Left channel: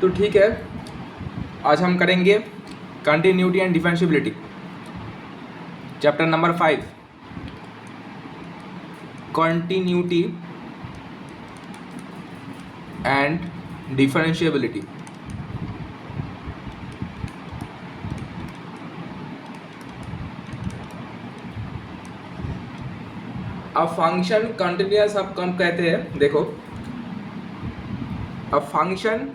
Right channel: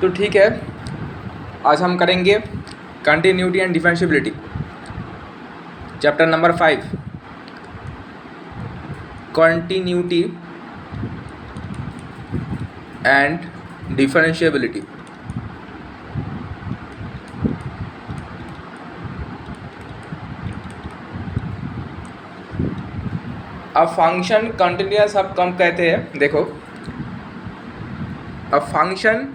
तो ठीक है, आज हम करेंगे continuity and differentiability, chapter number 5, continuity and differentiability. अब फंक्शन कंटिन्यूअस हम कम कहते हैं। देखो, a function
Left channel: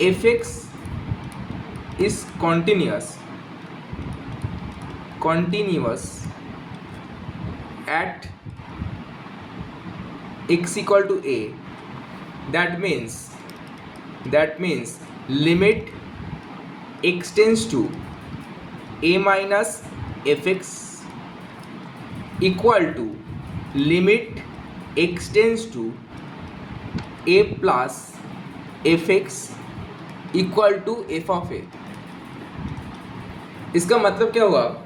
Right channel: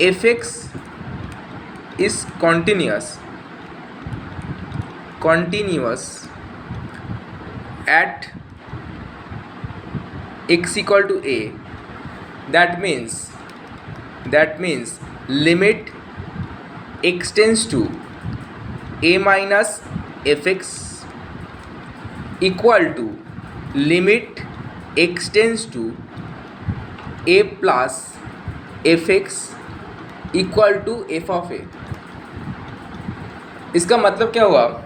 f(x) is continuous at x equal to a. That means limit x tends to a minus fx equal to limit x tends to a plus fx equal to F of A. इसका मतलब क्या हुआ?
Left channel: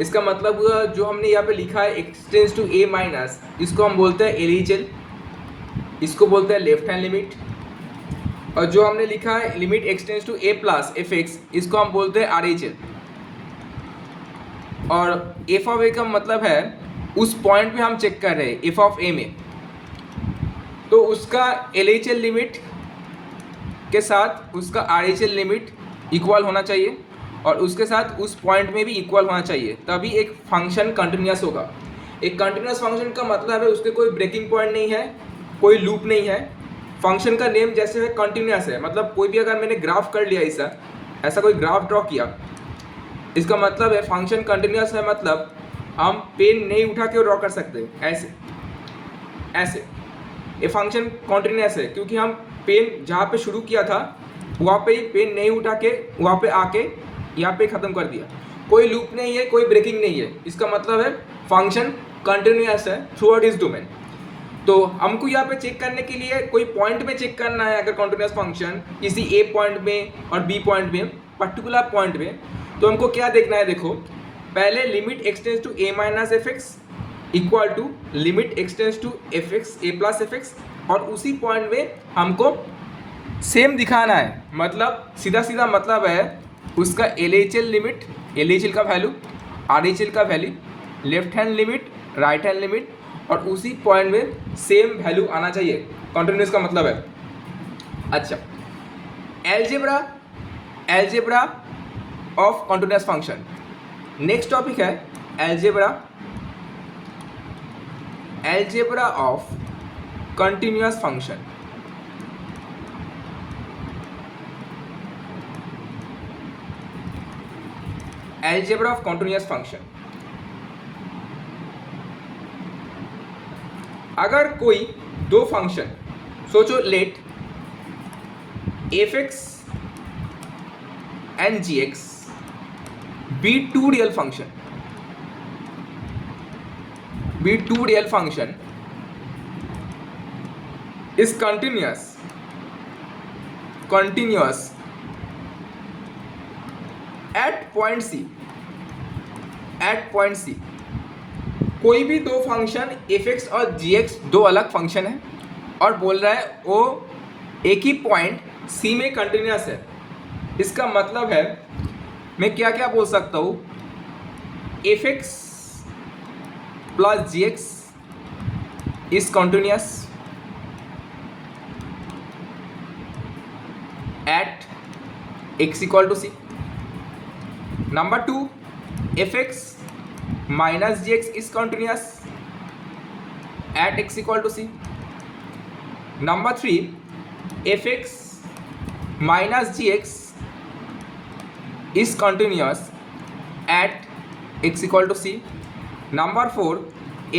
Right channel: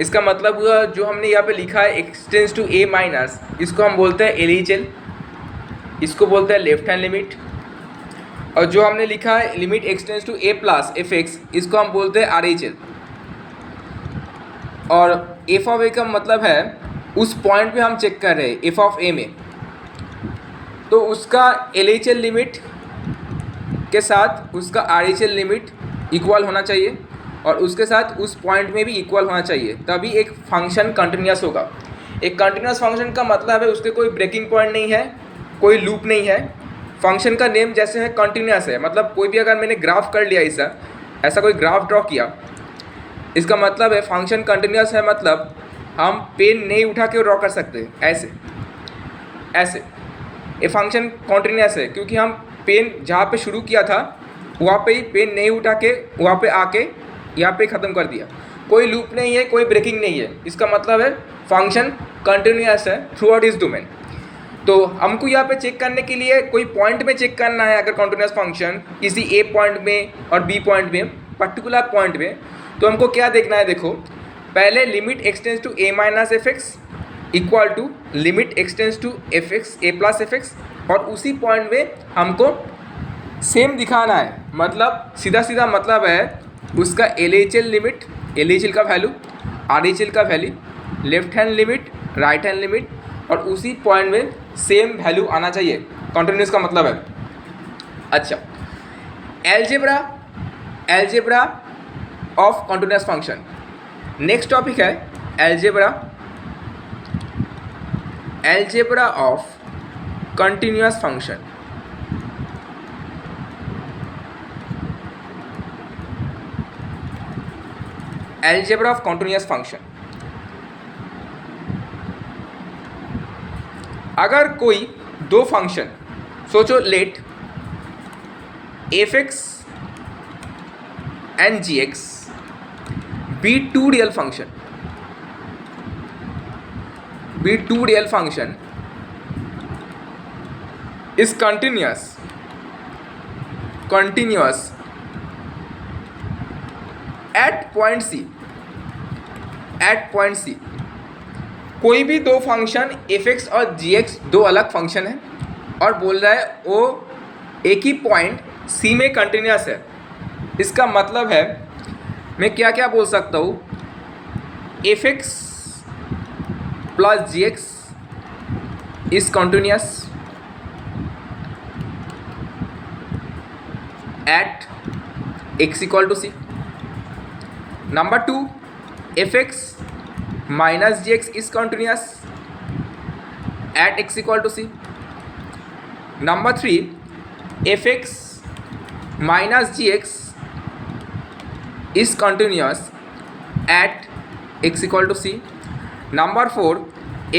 इसका मतलब हुआ जो हमने यहाँ पे लिखा है x tends to a minus, इसको हम बोलते हैं LHL, इसको बोलते हैं लेफ्ट हैंड लिमिट। और जो हमने लिखा है limit x tends to a plus F X, इसको हम बोलते हैं RHL। और एफ ऑफ ए का मतलब है उस पॉइंट पे हम चेक कर रहे हैं एफ ऑफ ए में, तो उसका LHL लिमिट के साथ उसका RHL लिमिट इक्वल होना चाहिए और उसके साथ उस पॉइंट में भी इक्वल होना चाहिए, तभी एक फंक्शन कंटिन्यूअस होगा। एक कंटिन्यूअस फंक्शन का मतलब है उसके कोई ब्रेकिंग पॉइंट नहीं है, कोई लूप नहीं है। फंक्शन का नेम जैसे है कंटिन्यूअस है, मतलब कोई भी अगर मैंने ग्राफ कर लिया ऐसा कोई ग्राफ ड्रॉ किया, इसका मतलब है फंक्शन कंटिन्यूअस है, मतलब हम पेन नहीं उठा के ड्रॉ कर सकते ऐसे ये फंक्शन कंटिन्यूअस है, क्योंकि हम पेन जहाँ पे शुरू किया था वहाँ पे ही पेन नहीं उठा के वहाँ पे आके यहाँ पे ख़त्म कर दिया। कोई लूप नहीं है, कोई ब्रेकिंग नहीं है, इसका मतलब है फंक्शन कंटिन्यूअस है थ्रू आउट इज डोमेन। तो हमको यहाँ पे चेक करने के लिए कोई पॉइंट में चेक करना है, अगर कंटिन्यूअस फंक्शन किसी ए पॉइंट में और बी पॉइंट में, पर्टिकुलर पॉइंट में, तो हमको क्या देखना है? देखो, पहले limit X tends to A minus F X equal to limit X tends to F X A plus F X, और उसी पॉइंट में हमको सेम दिखाना है। मतलब सीधा मतलब है उसका LHL लिमिट, LHL का वैल्यू, RHL का value, left hand limit, right hand limit, और उसी पॉइंट में सेम वैल्यू आना चाहिए। कंटिन्यूअस का मतलब है। अच्छा, algebra of continuous function. Next topic है algebra of continuous function. Algebra of continuous function, अगर कोई दो फंक्शन, सोचो let F X and G X be two real function is continuous at point C। कोई भी दो फंक्शन f(x) और g(x) दो अलग फंक्शन है और बोल रहा है वो एक ही पॉइंट C में कंटिन्यूअस है। इसका मतलब है मैं क्या क्या बोल सकता हूँ? f(x) plus g(x) is continuous at x equal to C. Number 2, fx minus gx is continuous at x equal to C. Number 3, fx minus gx is continuous at x equal to C. Number 4,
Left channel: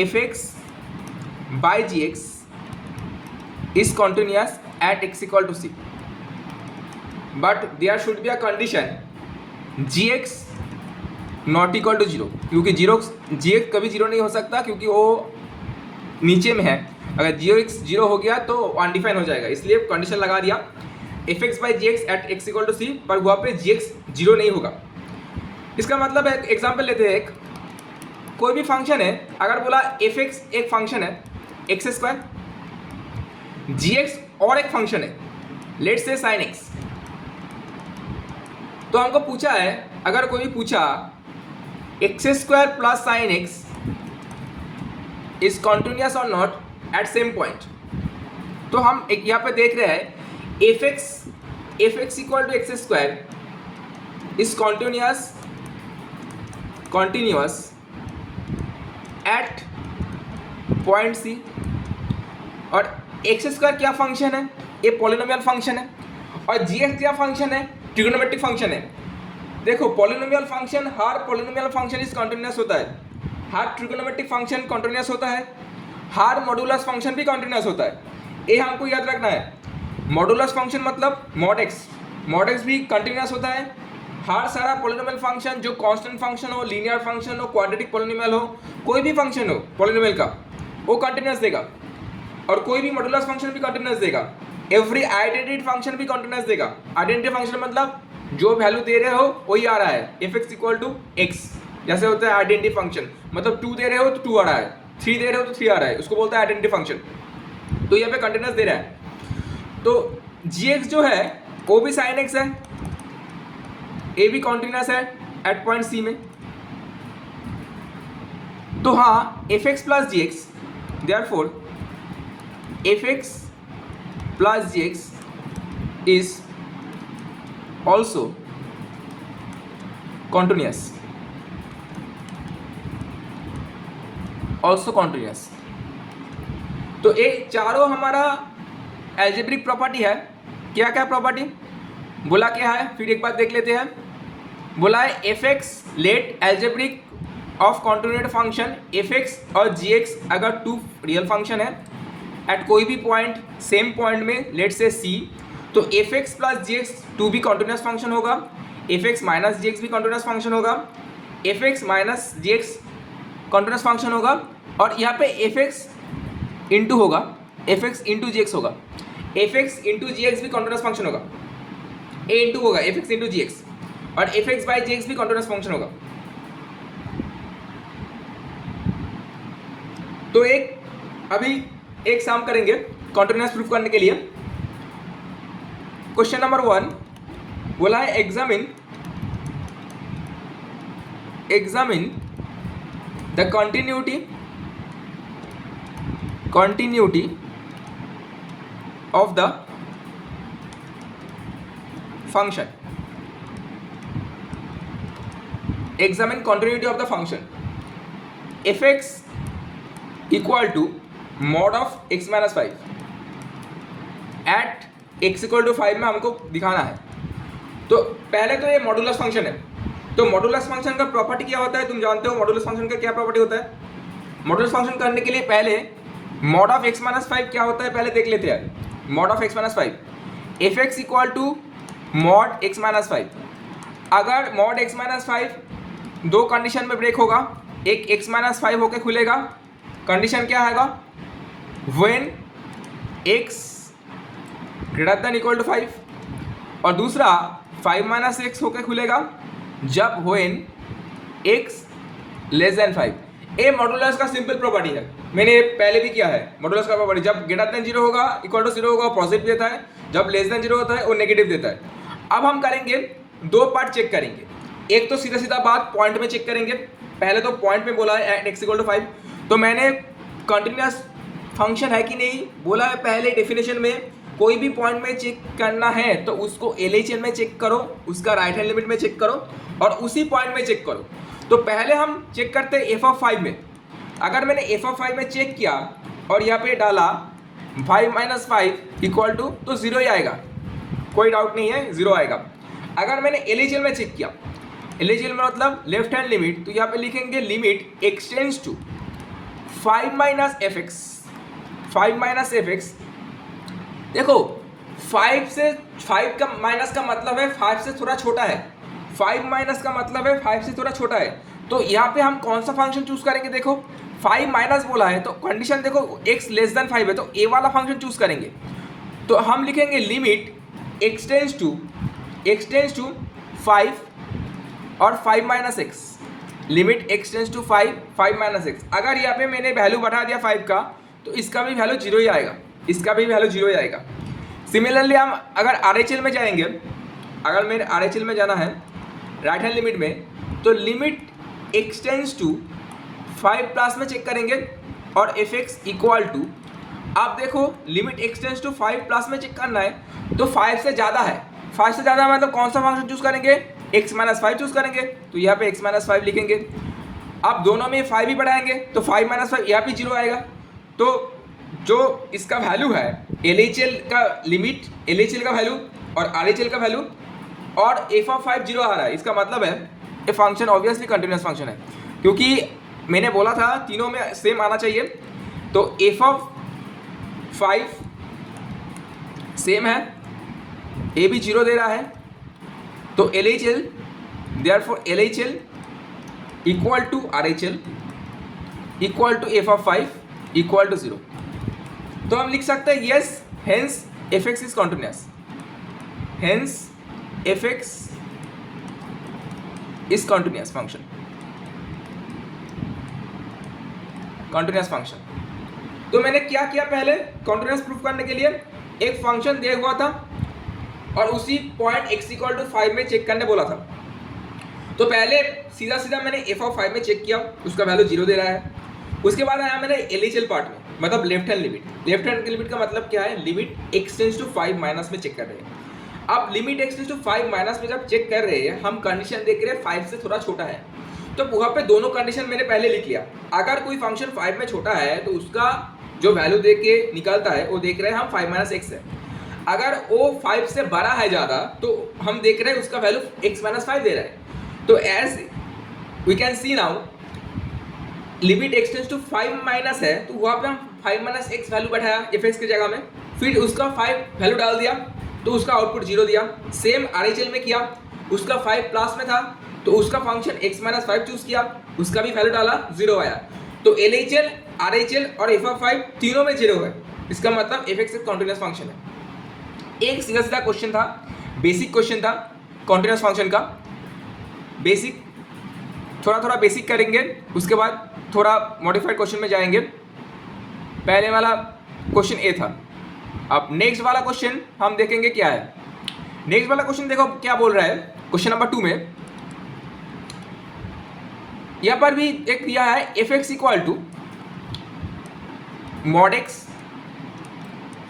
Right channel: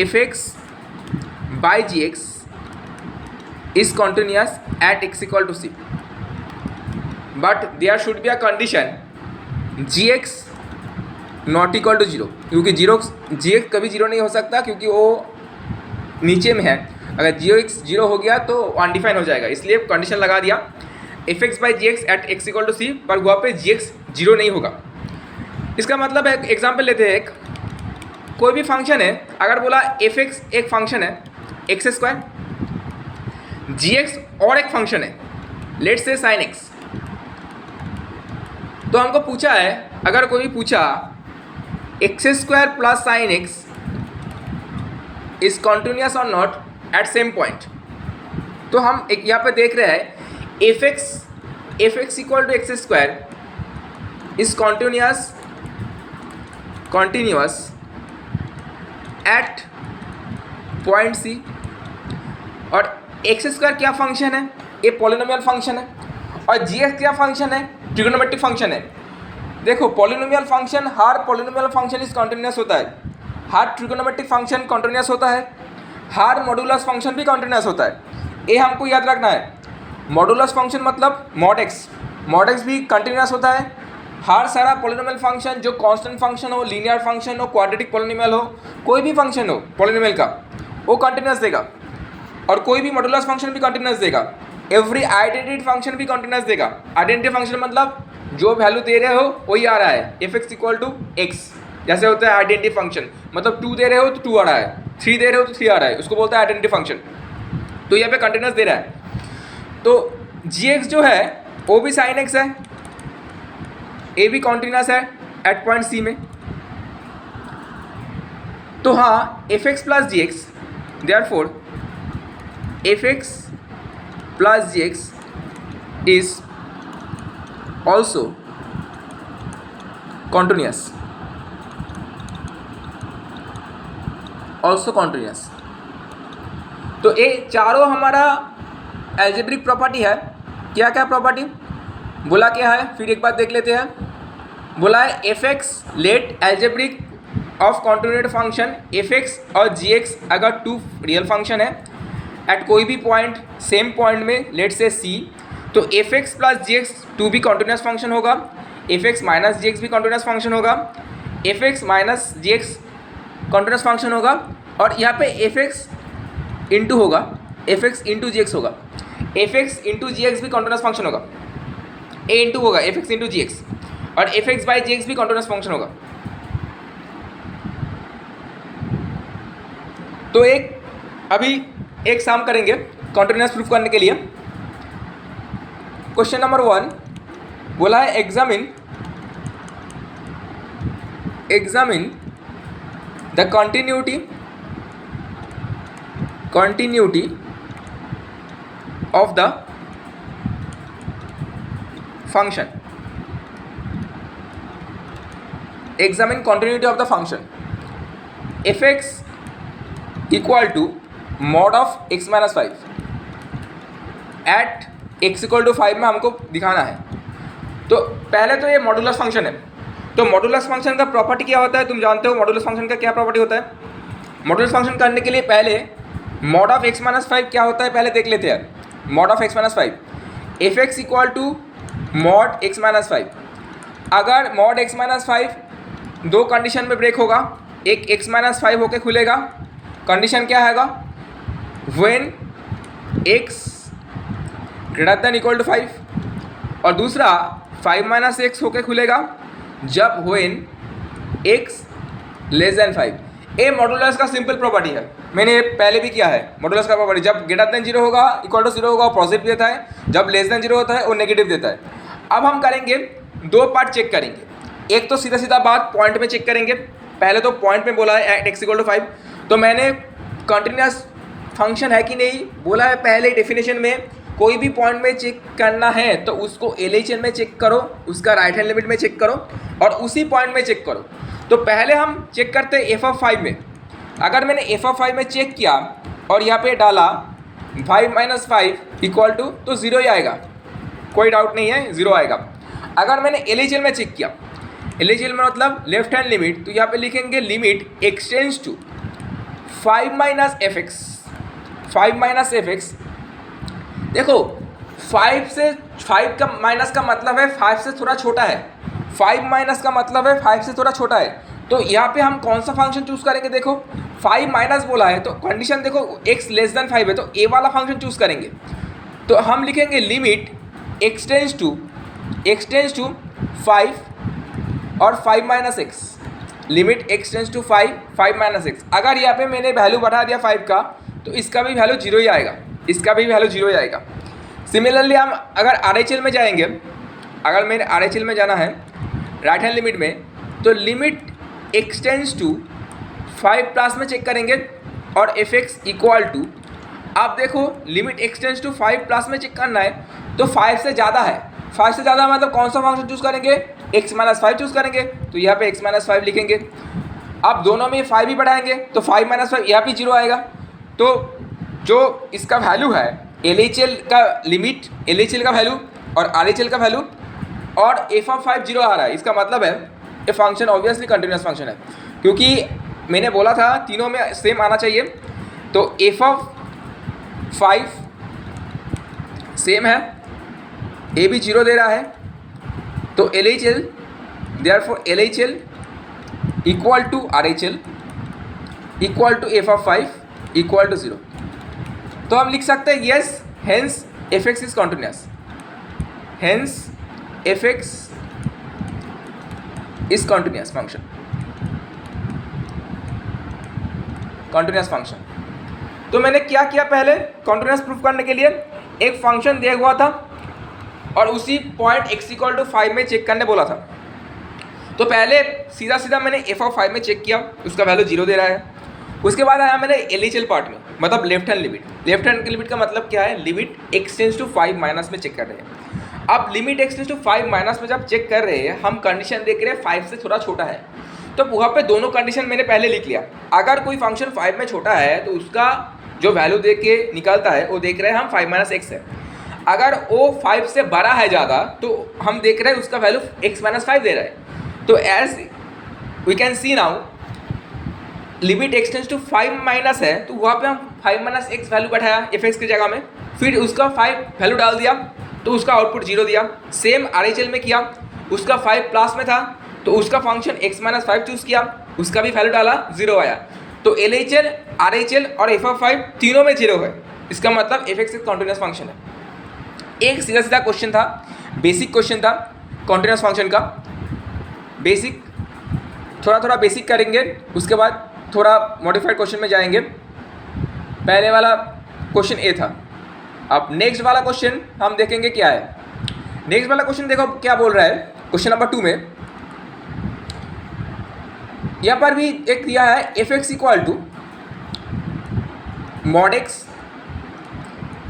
fx by gx is continuous at x equal to C. But there should be a condition gx not equal to 0, क्योंकि gx कभी 0 नहीं हो सकता, क्योंकि वो नीचे में है। अगर gx 0 हो गया तो अनडिफाइन हो जाएगा, इसलिए कंडीशन लगा दिया fx by G X at x equal to C, पर वहाँ पे gx 0 नहीं होगा। इसका मतलब है, एग्जाम्पल लेते हैं एक, कोई भी फंक्शन है, अगर बोला fx एक फंक्शन है x², जी एक्स और एक फंक्शन है, लेट्स से साइन एक्स। तो हमको पूछा है, अगर कोई पूछा X square plus sine X is continuous और नॉट एट सेम पॉइंट, तो हम एक यहाँ पे देख रहे हैं F X equal to x square is continuous at point C. और एक्स स्क्वायर क्या फंक्शन है, ये पॉलिनोमियल फंक्शन है, और जी एक्स क्या फंक्शन है, ट्रिग्नोमेट्रिक फंक्शन है। देखो polynomial function, her polynomial function is continuous होता है, हर ट्रिग्नोमेट्रिक फंक्शन कॉन्टिन्यूस होता है, हर मॉडुलस फंक्शन भी कॉन्टिन्यूस होता है। ये हमको याद रखना है। मॉडुलस फंक्शन मतलब मॉड एक्स भी कंटिन्यूस होता है। हर सारा पॉलिनोमियल फंक्शन जो कांस्टेंट फंक्शन हो, लीनियर फंक्शन हो, क्वाड्रेटिक पॉलिनोमियल हो, कोई भी फंक्शन हो पॉलिनोमियल का, वो कंटिन्यूस देगा। और कोई भी मॉडुलस फंक्शन भी कंटिन्यूस देगा। एवरी आइडेंटिटी फंक्शन भी कंटिन्यूस देगा। आइडेंटिटी फंक्शन मतलब जो वैल्यू दे रहे हो वही आ रहा है, F X equal to X, जैसे होता है आइडेंटिटी फंक्शन, मतलब 2 दे रहे हो तो 2 आ रहा है, 3 दे रहे हो तो 3 आ रहा है, उसको बोलता है आइडेंटिटी फंक्शन। तो यहाँ पे कंटिन्यूस दे रहा है। तो जी एक्स जो है वो भी साइन एक्स है, ए भी कॉन्टिन्यूस है एट पॉइंट सी में। तो हाँ, F X plus G X, therefore F X plus G X is also continuous, तो ये चारों हमारा एल्जेब्रिक प्रॉपर्टी है। क्या क्या प्रॉपर्टी बोला, क्या है फिर एक बार देख लेते हैं। बोला है F X let algebraic of continuous function F X और जी एक्स अगर 2 रियल फंक्शन है एट कोई भी पॉइंट, सेम पॉइंट में, लेट से सी, तो F X plus G x 2 भी कॉन्टिन्यूस फंक्शन होगा, एफ एक्स माइनस जी एक्स भी कॉन्टिन्यूस फंक्शन होगा, एफ एक्स माइनस जी एक्स कॉन्टिन्यूस फंक्शन होगा, और यहाँ पे एफ एक्स इंटू होगा, एफ एक्स इंटू जी एक्स होगा, एफ एक्स इंटू जी एक्स भी कॉन्टिन्यूस फंक्शन होगा, ए इंटू होगा एफ एक्स इंटू जी एक्स, और F X by G X भी कॉन्टिन्यूस फंक्शन होगा। तो अभी एक काम करेंगे कॉन्टिन्यूस प्रूफ करने के लिए। क्वेश्चन नंबर 1 बोला है examine the continuity of the function. Examine continuity of the function f(x) equal to mod of x minus 5 at x equal to 5 में हमको दिखाना है। तो पहले तो ये मॉडुलस फंक्शन है, तो मॉडुलस फंक्शन का प्रॉपर्टी क्या होता है, तुम जानते हो मॉडुलस फंक्शन का क्या प्रॉपर्टी होता है। मॉडुलस फंक्शन करने के लिए पहले मॉड ऑफ x माइनस 5 क्या होता है पहले देख लेते हैं। Mod of x minus 5 F X equal to mod x minus 5। अगर मॉड x माइनस 5 दो कंडीशन में ब्रेक होगा, एक x माइनस 5 होके खुलेगा, कंडीशन क्या हैगा, when x greater than equal to 5, और दूसरा 5 माइनस एक्स होके खुलेगा जब व्हेन x लेस देन 5। ए मॉडुलस का सिंपल प्रॉपर्टी है, मैंने पहले भी किया है। मॉडुलस का प्रॉपर्टी जब ग्रेटर देन 0 होगा, इक्वल टू 0 होगा वो पॉजिटिव देता है, जब लेस देन 0 होता है वो नेगेटिव देता है। अब हम करेंगे 2 पार्ट चेक करेंगे। एक तो सीधा सीधा बात पॉइंट में चेक करेंगे। पहले तो पॉइंट में बोला है एक्स इक्वल टू 5, तो मैंने कंटिन्यूस फंक्शन है कि नहीं बोला है पहले डेफिनेशन में। कोई भी पॉइंट में चेक करना है तो उसको एलएचएल में चेक करो, उसका राइट हैंड लिमिट में चेक करो, और उसी पॉइंट में चेक करो। तो पहले हम चेक करते हैं एफ ऑफ 5 में। अगर मैंने एफ ऑफ 5 में चेक किया और यहाँ पे डाला 5 माइनस 5 इक्वल टू, तो 0 ही आएगा, कोई डाउट नहीं है, 0 आएगा। अगर मैंने एलएचएल में चेक किया, एलएचएल में मतलब लेफ्ट हैंड लिमिट, तो यहाँ पे लिखेंगे limit x tends to 5 minus F X. 5 minus F X, देखो 5 का माइनस का मतलब है 5 से थोड़ा छोटा है, 5 माइनस का मतलब है 5 से थोड़ा छोटा है। तो यहाँ पे हम कौन सा फंक्शन चूज करेंगे, देखो 5 माइनस बोला है तो कंडीशन देखो x लेस देन 5 है, तो ए वाला फंक्शन चूज करेंगे। तो हम लिखेंगे लिमिट एक्सटेंड्स टू 5 और 5 minus X, limit x tends to 5 minus X. अगर यहाँ पे मैंने वैल्यू बढ़ा दिया 5 का, तो इसका भी वैल्यू 0 ही आएगा, इसका भी वैल्यू 0 जाएगा। सिमिलरली हम अगर RHL में जाएंगे, अगर मेरे RHL में जाना है राइट हैंड लिमिट में, तो लिमिट एक्सटेंड्स टू 5 प्लस में चेक करेंगे और fx इक्वल टू, आप देखो लिमिट एक्सटेंड्स टू 5 प्लस में चेक करना है तो 5 से ज़्यादा है। 5 से ज़्यादा मतलब कौन सा फंक्शन चूज़ करेंगे, x माइनस 5 चूज़ करेंगे, तो यहाँ पे x माइनस 5 लिखेंगे। अब दोनों में 5 ही बढ़ाएंगे तो 5 माइनस 5 यहाँ पे 0 आएगा। तो जो इसका वैल्यू है LHL का लिमिट, LHL का वैल्यू और RHL का वैल्यू और f ऑफ 5 0 आ रहा है, इसका मतलब है ये फंक्शन ऑब्वियसली कंटिन्यूस फंक्शन है, क्योंकि मैंने बोला था तीनों में सेम आना चाहिए। तो f ऑफ 5 सेम है, ए भी 0 दे रहा है, तो LHL therefore LHL equal to RHL equal to f of 5 equal to 0। तो हम लिख सकते हैं yes, hence fx is continuous, hence fx is continuous function, continuous function. तो मैंने क्या किया, पहले कॉन्टिन्यूस प्रूफ करने के लिए एक फंक्शन दिया हुआ था और उसी पॉइंट x इक्वल टू 5 में चेक करने बोला था। तो पहले सीधा सीधा मैंने f ऑफ 5 में चेक किया, उसका वैल्यू 0 दे रहा है। उसके बाद आया मैंने LHL पार्ट में, मतलब left hand limit. Left hand की लिमिट का मतलब क्या है, लिमिट एक्सटेंड्स टू 5 माइनस में चेक कर रहे हैं। अब लिमिट एक्सटेंड्स टू 5 माइनस में जब चेक कर रहे हैं, हम कंडीशन देख रहे हैं 5 से थोड़ा छोटा है, तो वहाँ पे दोनों कंडीशन मैंने पहले लिख लिया। अगर कोई फंक्शन 5 में छोटा है तो उसका जो वैल्यू देख के निकलता है वो देख रहे हैं हम 5 माइनस एक्स है। अगर वो 5 से बड़ा है ज़्यादा तो हम देख रहे हैं उसका वैल्यू x माइनस 5 दे रहा है। तो as we can see now limit x tends to 5 minus है, तो वहाँ पे हम 5 माइनस एक्स वैल्यू बैठाया fx की जगह में, फिर उसका 5 वैल्यू डाल दिया तो उसका आउटपुट 0 दिया। सेम RHL में किया, उसका 5 प्लस में था तो उसका फंक्शन x माइनस 5 चूज़ किया, उसका भी वैल्यू डाला 0 आया। तो LHL, RHL और f ऑफ 5 तीनों में 0 है, इसका मतलब fx एक कॉन्टिन्यूस फंक्शन है। एक सीधा सीधा क्वेश्चन था, बेसिक क्वेश्चन था कॉन्टिन्यूस फंक्शन का। बेसिक थोड़ा थोड़ा बेसिक करेंगे, उसके बाद थोड़ा मॉडिफाइड क्वेश्चन में जाएंगे। पहले वाला क्वेश्चन ए था। अब नेक्स्ट वाला क्वेश्चन हम देखेंगे क्या है। नेक्स्ट वाला क्वेश्चन देखो क्या बोल रहा है, क्वेश्चन नंबर 2 में यहाँ पर भी एक दिया है fx equal to mod x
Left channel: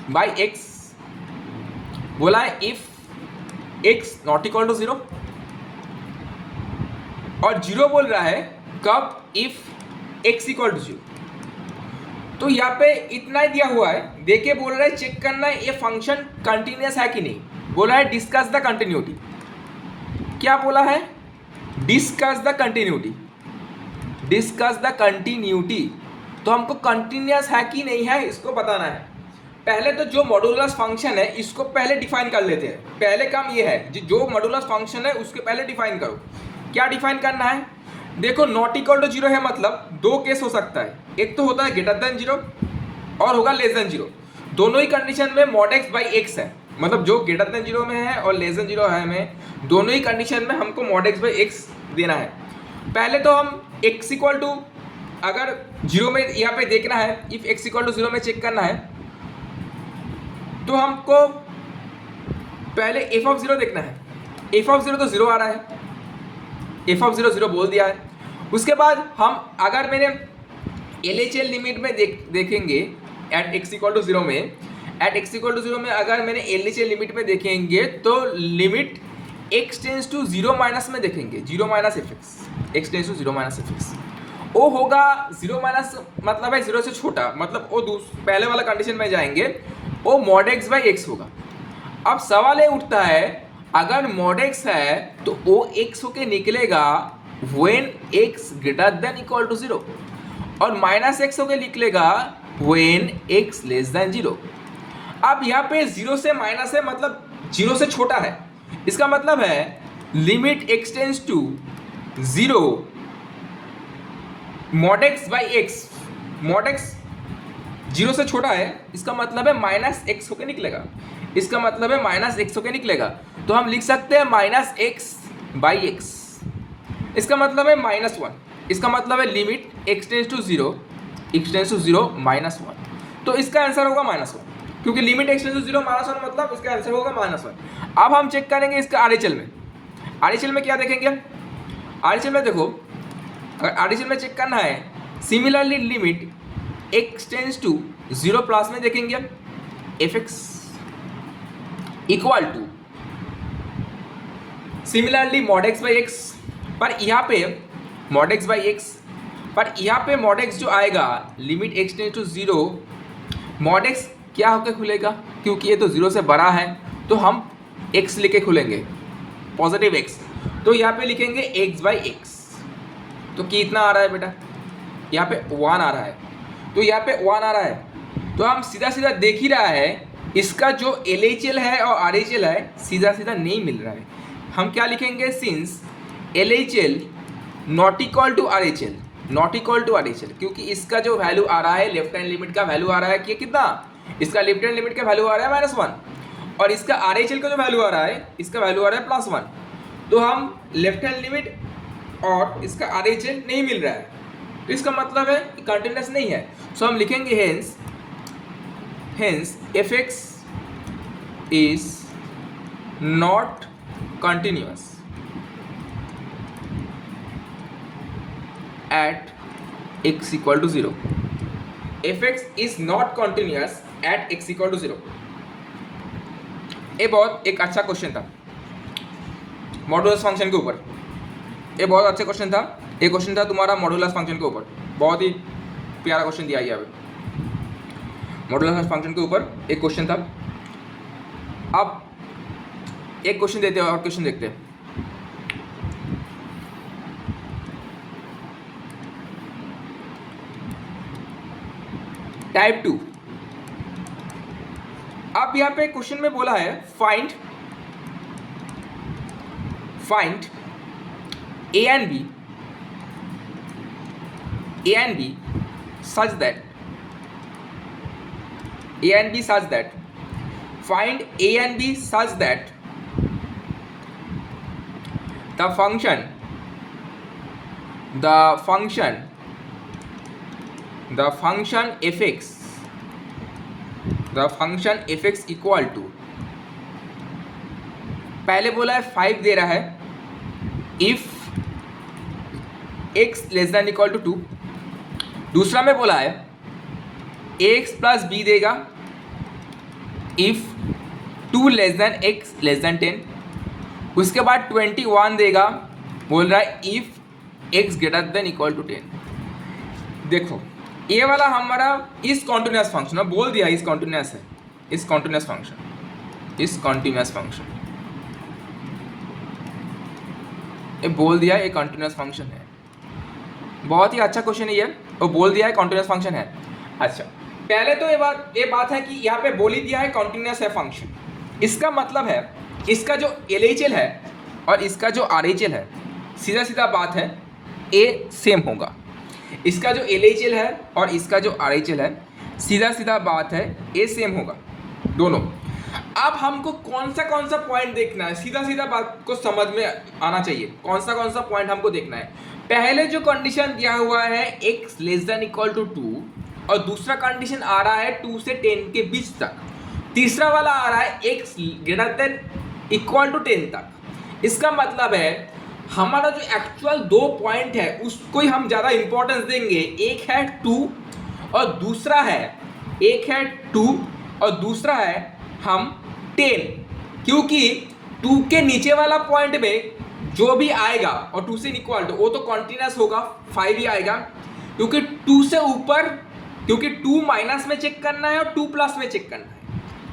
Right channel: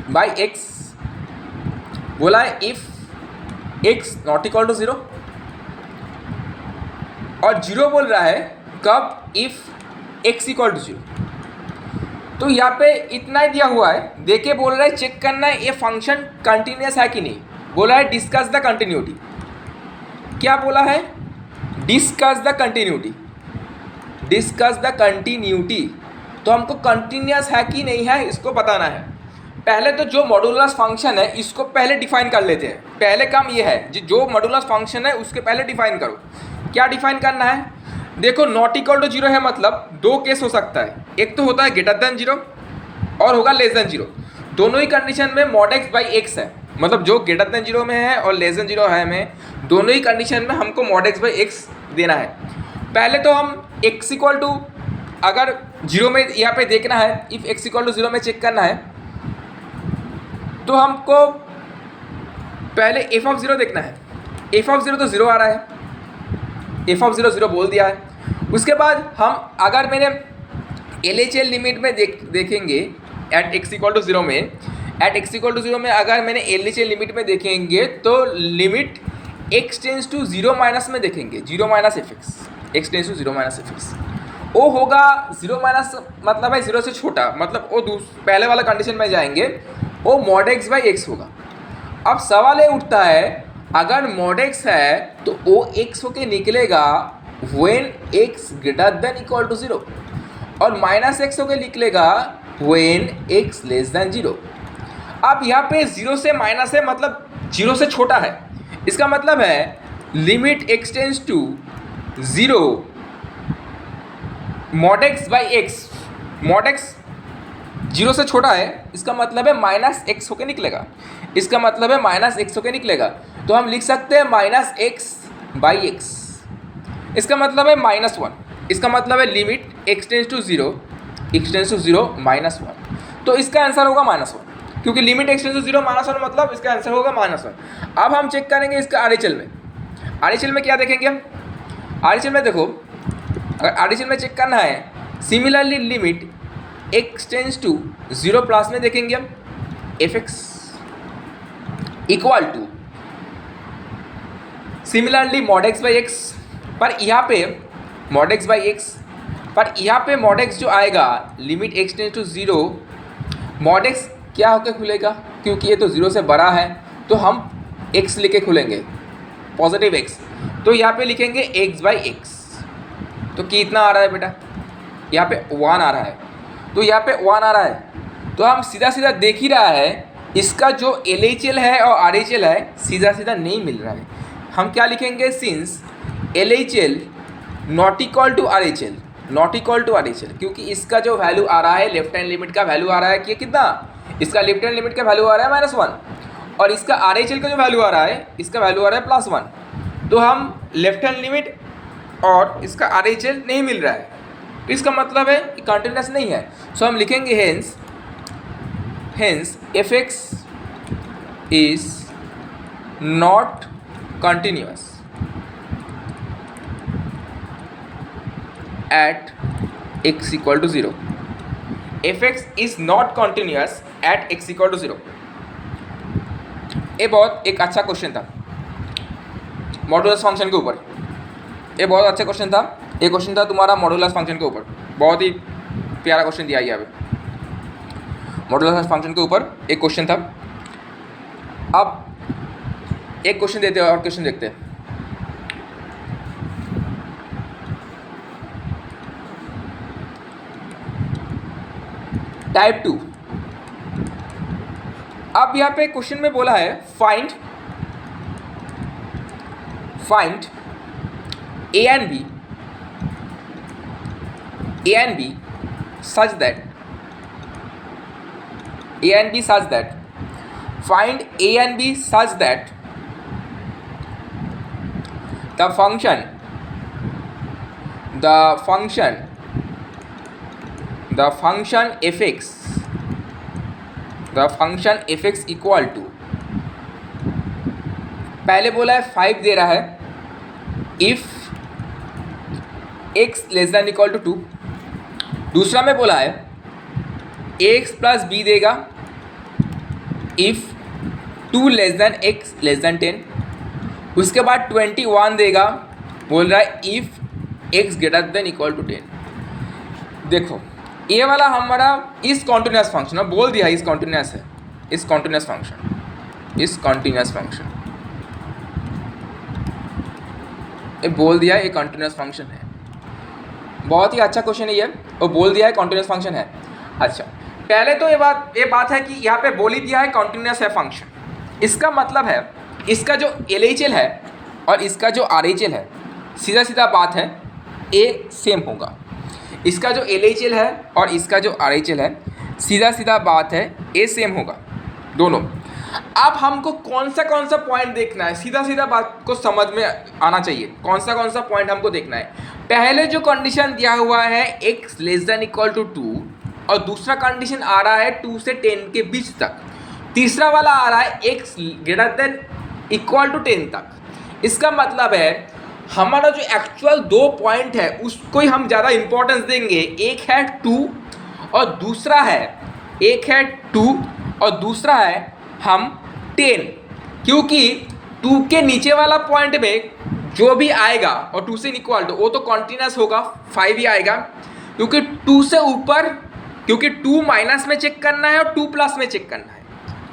by x, बोला है if x not equal to 0, और 0 बोल रहा है कब, इफ x इक्वल टू 0। तो यहाँ पे इतना ही दिया हुआ है, देखे बोल रहा है चेक करना है ये फंक्शन कंटिन्यूस है कि नहीं। बोला है डिस्कस द कंटिन्यूटी, क्या बोला है, discuss the continuity, discuss the continuity. तो हमको कंटिन्यूस है कि नहीं है इसको बताना है। पहले तो जो मॉडुलस फंक्शन है इसको पहले डिफाइन कर लेते हैं। पहले काम ये है जो मॉडुलस फंक्शन है उसके पहले डिफाइन करो। क्या डिफाइन करना है, देखो नॉट इक्वल टू 0 है, मतलब दो केस हो सकता है, एक तो होता है ग्रेटर देन 0 और होगा लेस देन 0। दोनों ही कंडीशन में मॉड x बाई एक्स है, मतलब जो ग्रेटर देन 0 में है और लेस देन 0 है में, दोनों ही कंडीशन में हमको मॉड x बाई एक्स देना है। पहले तो हम x इक्वल टू अगर 0 में यहाँ पे देखना है, इफ x इक्वल टू 0 में चेक करना है तो हमको पहले f ऑफ 0 देखना है। f ऑफ 0 तो 0 आ रहा है, f ऑफ 0 0 बोल दिया है। उसके बाद हम अगर मैंने LHL लिमिट में देखेंगे एट x इक्वल टू 0 में, एट x इक्वल टू 0 में अगर मैंने LHL लिमिट में देखेंगे तो limit x tends to 0 minus में देखेंगे, 0 minus fx, x tends to 0 minus fx। वो होगा 0 माइनस मतलब है 0 से छोटा, मतलब वो पहले वाला कंडीशन में जाएंगे, वो मॉड x बाई एक्स होगा। अब सवाल ये उठता है अगर मॉड x है तो वो x होके निकलेगा when x greater than equal to 0, और माइनस x होके निकलेगा व्हेन x लेस देन 0। अब यहाँ पे 0 से माइनस है, मतलब 0 से छोटा है, इसका मतलब है limit x tends to 0 mod x by x, mod x 0 से छोटा है, इसका मतलब है माइनस x होके निकलेगा, इसका मतलब है माइनस x होके निकलेगा। तो हम लिख सकते हैं माइनस x बाई एक्स, इसका मतलब है -1, इसका मतलब है limit x tends to 0, x tends to 0 -1। तो इसका आंसर होगा -1। क्योंकि लिमिट एक्सटेंस टू 0 -1 मतलब इसका आंसर होगा -1। अब हम चेक करेंगे इसका RHL में। RHL में क्या देखेंगे हम? RHL में देखो, अगर RHL में चेक करना है, similarly limit x tends to 0 plus में देखेंगे हम fx equal to similarly mod x by x, पर यहाँ पे mod x बाई एक्स, पर यहाँ पे mod x जो आएगा limit x tends to 0, mod x क्या होकर खुलेगा? क्योंकि ये तो 0 से बड़ा है तो हम x लेके खुलेंगे, पॉजिटिव x, तो यहाँ पे लिखेंगे x बाई एक्स। तो कितना आ रहा है बेटा? यहाँ पे 1 आ रहा है, तो यहाँ पे 1 आ रहा है, तो हम सीधा सीधा देख ही रहा है इसका जो LHL है और RHL है सीधा सीधा नहीं मिल रहा है। हम क्या लिखेंगे? Since LHL not equal to RHL, not equal to RHL, क्योंकि इसका जो वैल्यू आ रहा है लेफ्ट हैंड लिमिट का वैल्यू आ रहा है कि कितना, इसका लेफ्ट हैंड लिमिट का वैल्यू आ रहा है -1 और इसका RHL का जो वैल्यू आ रहा है इसका वैल्यू आ रहा है +1। तो हम लेफ्ट हैंड लिमिट और इसका RHL नहीं मिल रहा है, तो इसका मतलब है कि कंटिन्यूस नहीं है। सो हम लिखेंगे hence fx is not continuous at x equal to 0। fx is not continuous at x equal to 0। ये बहुत एक अच्छा क्वेश्चन था मॉडुलस फंक्शन के ऊपर, ये बहुत अच्छा क्वेश्चन था। ये क्वेश्चन था तुम्हारा मॉडुलस फंक्शन के ऊपर, बहुत ही प्यारा क्वेश्चन दिया गया है मॉडुलस फंक्शन के ऊपर एक क्वेश्चन था। अब एक क्वेश्चन देते हैं और क्वेश्चन देखते हैं। टाइप 2। अब यहाँ पे क्वेश्चन में बोला है find A and B such that find A and B such that the function fx equal to, पहले बोला है 5 दे रहा है if x less than equal to 2। दूसरा में बोला है ax प्लस b देगा if 2 less than x less than 10। उसके बाद 21 देगा, बोल रहा है if x greater than equal to 10। देखो ये वाला हमारा इस कॉन्टिन्यूस फंक्शन बोल दिया, इस कॉन्टिन्यूस है, इस कॉन्टिन्यूस फंक्शन ये बोल दिया ये कॉन्टिन्यूस फंक्शन है। बहुत ही अच्छा क्वेश्चन है ये, और बोल दिया है कॉन्टिन्यूस फंक्शन है। अच्छा, पहले तो ये बात है कि यहाँ पे बोल ही दिया है कॉन्टिन्यूस है फंक्शन। इसका मतलब है इसका जो LHL है और इसका जो RHL है सीधा सीधा बात है ए सेम होगा। इसका जो LHL है और इसका जो RHL है सीधा सीधा बात है ए सेम होगा दोनों। अब हमको कौन सा पॉइंट देखना है, सीधा सीधा बात को समझ में आना चाहिए। कौन सा पॉइंट हमको देखना है? पहले जो कंडीशन दिया हुआ है x less than equal to 2 और दूसरा कंडीशन आ रहा है 2 से 10 के बीच तक, तीसरा वाला आ रहा है x greater than equal to 10 तक। इसका मतलब है हमारा जो एक्चुअल 2 पॉइंट है उसको ही हम ज़्यादा इंपॉर्टेंस देंगे। एक है 2 और दूसरा है हम 10, क्योंकि 2 के नीचे वाला पॉइंट में जो भी आएगा और 2 से इक्वल टू वो तो कॉन्टिन्यूस होगा, 5 ही आएगा। क्योंकि 2 से ऊपर, क्योंकि 2 माइनस में चेक करना है और 2 प्लस में चेक करना है,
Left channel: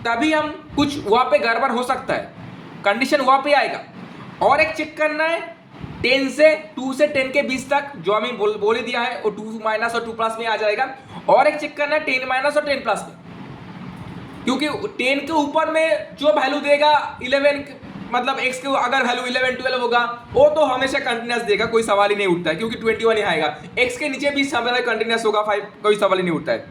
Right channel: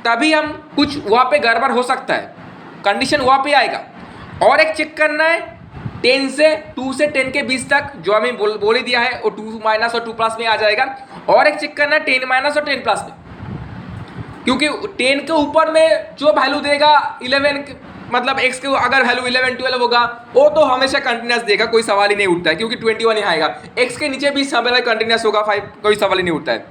तभी हम कुछ वहाँ पे गड़बड़ हो सकता है, कंडीशन वहाँ पे आएगा। और एक चेक करना है 2 से 10 के बीच तक जो हमें बोल ही दिया है वो 2 माइनस और 2 प्लस में आ जाएगा। और एक चेक करना है 10 माइनस और 10 प्लस में, क्योंकि 10 के ऊपर में जो वैल्यू देगा 11 मतलब x के अगर वैल्यू 11 12 होगा वो तो हमेशा कंटिन्यूस देगा, कोई सवाल ही नहीं उठता है, क्योंकि 21 ही आएगा। x के नीचे भी समय कंटिन्यूस होगा 5, कोई सवाल ही नहीं उठता है,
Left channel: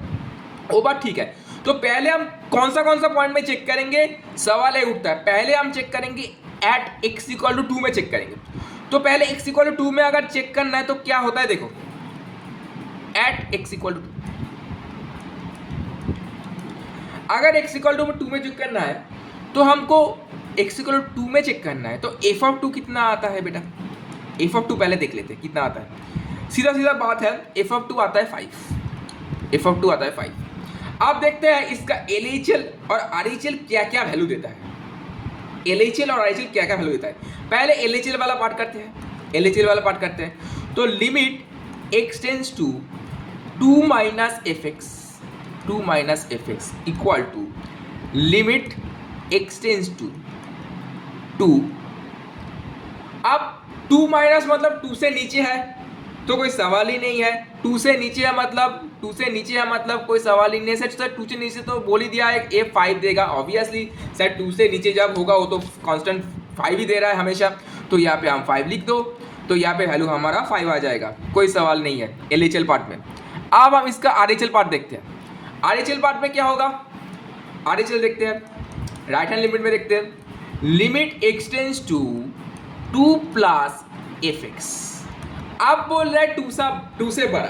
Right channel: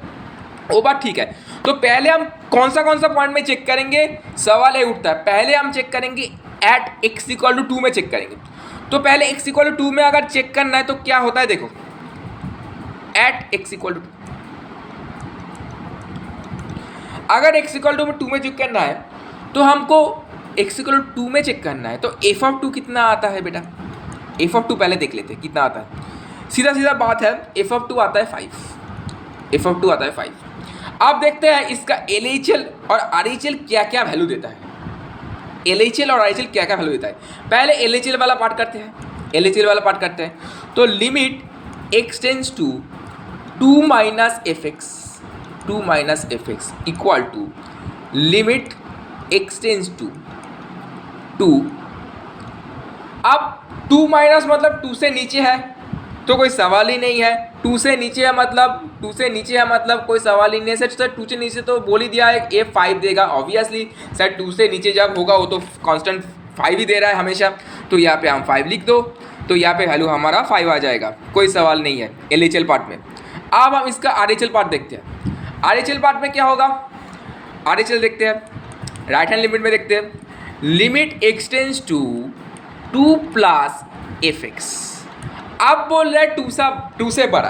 वो बात ठीक है। तो पहले हम कौन सा पॉइंट में चेक करेंगे, सवाल है उठता है। पहले हम चेक करेंगे एट x इक्वल टू 2 में चेक करेंगे। तो पहले x इक्वल टू 2 में अगर चेक करना है तो क्या होता है, देखो एट x इक्वल टू 2। अगर x इक्वल टू 2 में चेक करना है तो हमको x इक्वल टू 2 में चेक करना है, तो f ऑफ 2 कितना आता है बेटा? f ऑफ 2 पहले देख लेते हैं कितना आता है। सीधा सीधा बात है, f ऑफ 2 आता है 5, f ऑफ 2 आता है 5। अब देखते हैं इसका LHL और RHL क्या क्या वैल्यू देता है। LHL और RHL क्या क्या वैल्यू देता है, पहले LHL वाला पार्ट करते हैं। LHL वाला पार्ट करते हैं तो limit x tends to 2 minus fx equal to limit x tends to 2। अब 2 माइनस मतलब 2 से नीचे है तो कोई सवाल ही नहीं है, 2 से नीचे है मतलब कोई सवाल ही नहीं है। सर 2 से नीचे तो बोल ही दिया है ए 5 देगा ऑब्वियसली। सर 2 से नीचे जब होगा वो तो कांस्टेंट 5 ही दे रहा है हमेशा, तो यहाँ पे हम 5 लिख दो, तो यहाँ पे वैल्यू हमारा 5 आ जाएगा, कोई सवाल नहीं है LHL पार्ट में। अब हम इसका RHL पार्ट देखते हैं। RHL पार्ट में क्या होगा, RHL देखते हैं, राइट हैंड लिमिट में देखते हैं। Limit x tends to 2 plus fx। अब बोल रहा है 2 से बड़ा।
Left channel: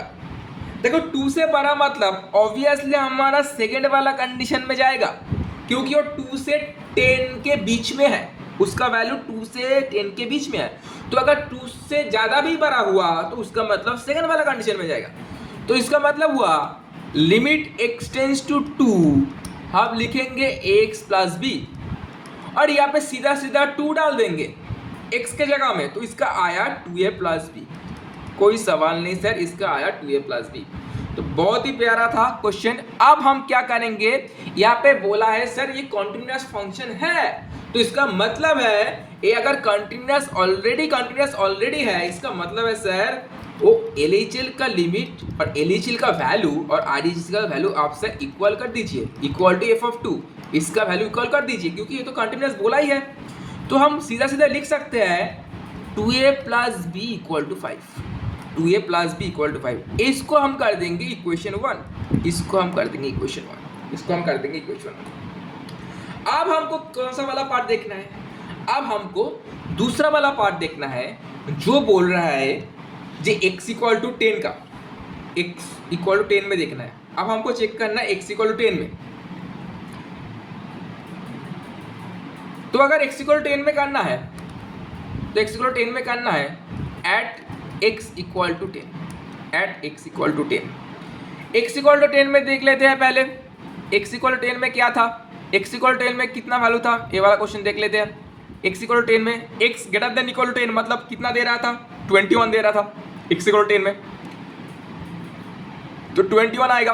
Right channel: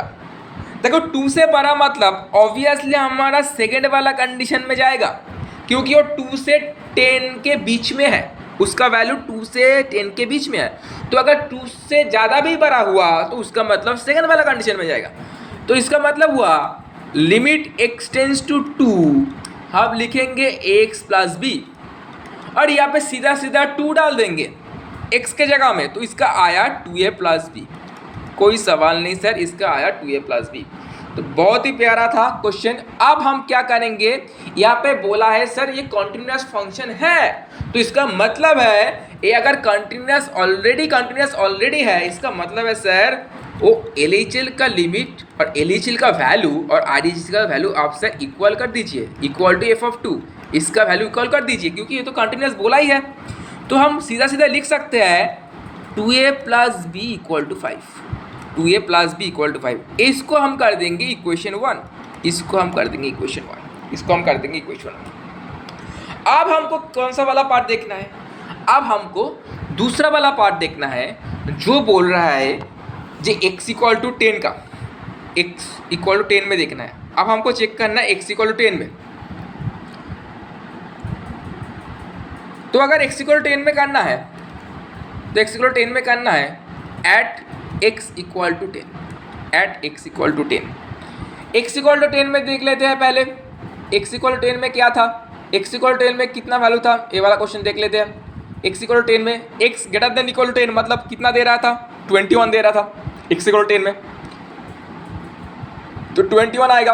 देखो 2 से बड़ा मतलब ऑब्वियसली हमारा सेकेंड वाला कंडीशन में जाएगा, क्योंकि वो 2 से 10 के बीच में है, उसका वैल्यू 2 से 10 के बीच में है। तो अगर 2 से ज़्यादा भी बड़ा हुआ तो उसका मतलब सेकेंड वाला कंडीशन में जाएगा। तो इसका मतलब हुआ लिमिट x टेंस टू 2, हम लिखेंगे ax प्लस बी, और यहाँ पे सीधा सीधा 2 डाल देंगे x के जगह में, तो इसका आया 2a प्लस बी। कोई सवाल नहीं सर, इसका आया 2a प्लस बी। तो बहुत ही प्यारा था क्वेश्चन। अब हम क्या करेंगे, यहाँ पे बोला है सर ये कॉन्टिन्यूस फंक्शन है, तो इसका मतलब है ये अगर कंटिन्यूस ऑलरेडी है, इसका मतलब है सर वो LHL का लिमिट और LHL का वैल्यू और RHL का वैल्यू आप सर इक्वल कर दीजिए, इक्वल टू f ऑफ 2, इसका वैल्यू इक्वल कर दीजिए, क्योंकि ये तो कंटिन्यूस बोला ही है। तो हम सीधा सीधा लिख सकते हैं 2a plus b equal to 5, 2a plus b equal to 5। इसको हम कर देंगे इक्वेशन 1, इसको हम कर देंगे इक्वेशन 1। अब हमको कौन सा वाला पार्ट देखना है, अब हमको दूसरा वाला पार्ट देखना है जो बोल रहा है जो x इक्वल टू 10 का, x इक्वल टू 10 में देखना है। अब हमको चेक करना है x इक्वल टू 10 में। तो अगर x इक्वल टू 10 में करना है तो x इक्वल टू 10 में करना है at x equal to 10, at x equal to 10। x equal to 10 में देख लेते हैं पहले x इक्वल टू 10 में क्या था, x इक्वल टू 10 में कितना वैल्यू था, ये वाला क्वेश्चन देख लेते हैं। x इक्वल टू 10 में x greater than equal to 10 मतलब कितना दे रहा था, 21 दे रहा था x इक्वल टू 10 में, तो 21 आएगा,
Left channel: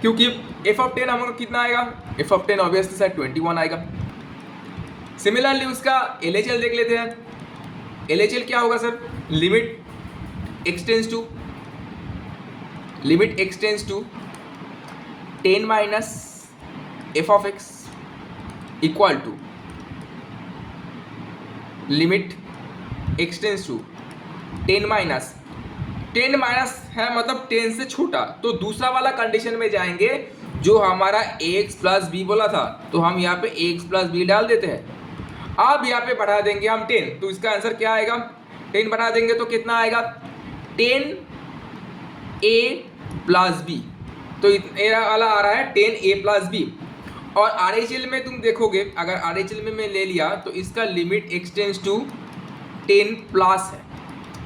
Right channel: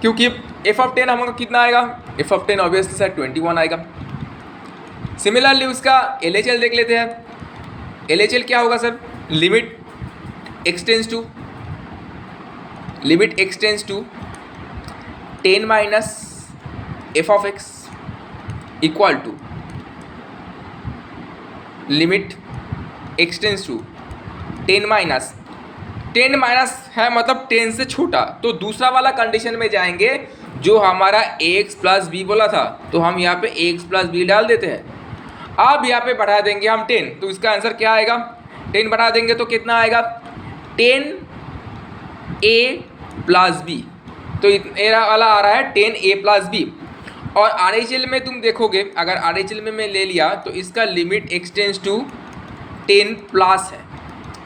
क्योंकि f ऑफ 10 हमारा कितना आएगा, f ऑफ 10 ऑब्वियसली सर 21 आएगा। सिमिलरली उसका LHL देख लेते हैं। LHL क्या होगा sir, limit x tends to 10 minus f of x equal to limit x tends to 10 minus है मतलब 10 से छोटा, तो दूसरा वाला कंडीशन में जाएंगे जो हमारा ax प्लस बी बोला था, तो हम यहाँ पे ax प्लस बी डाल देते हैं। अब यहाँ पे बढ़ा देंगे हम 10, तो इसका आंसर क्या आएगा, 10 बढ़ा देंगे तो कितना आएगा 10a प्लस बी, तो ये वाला आ रहा है 10a प्लस बी। और RHL में तुम देखोगे, अगर RHL में मैं ले लिया तो इसका limit x tends to 10 plus है,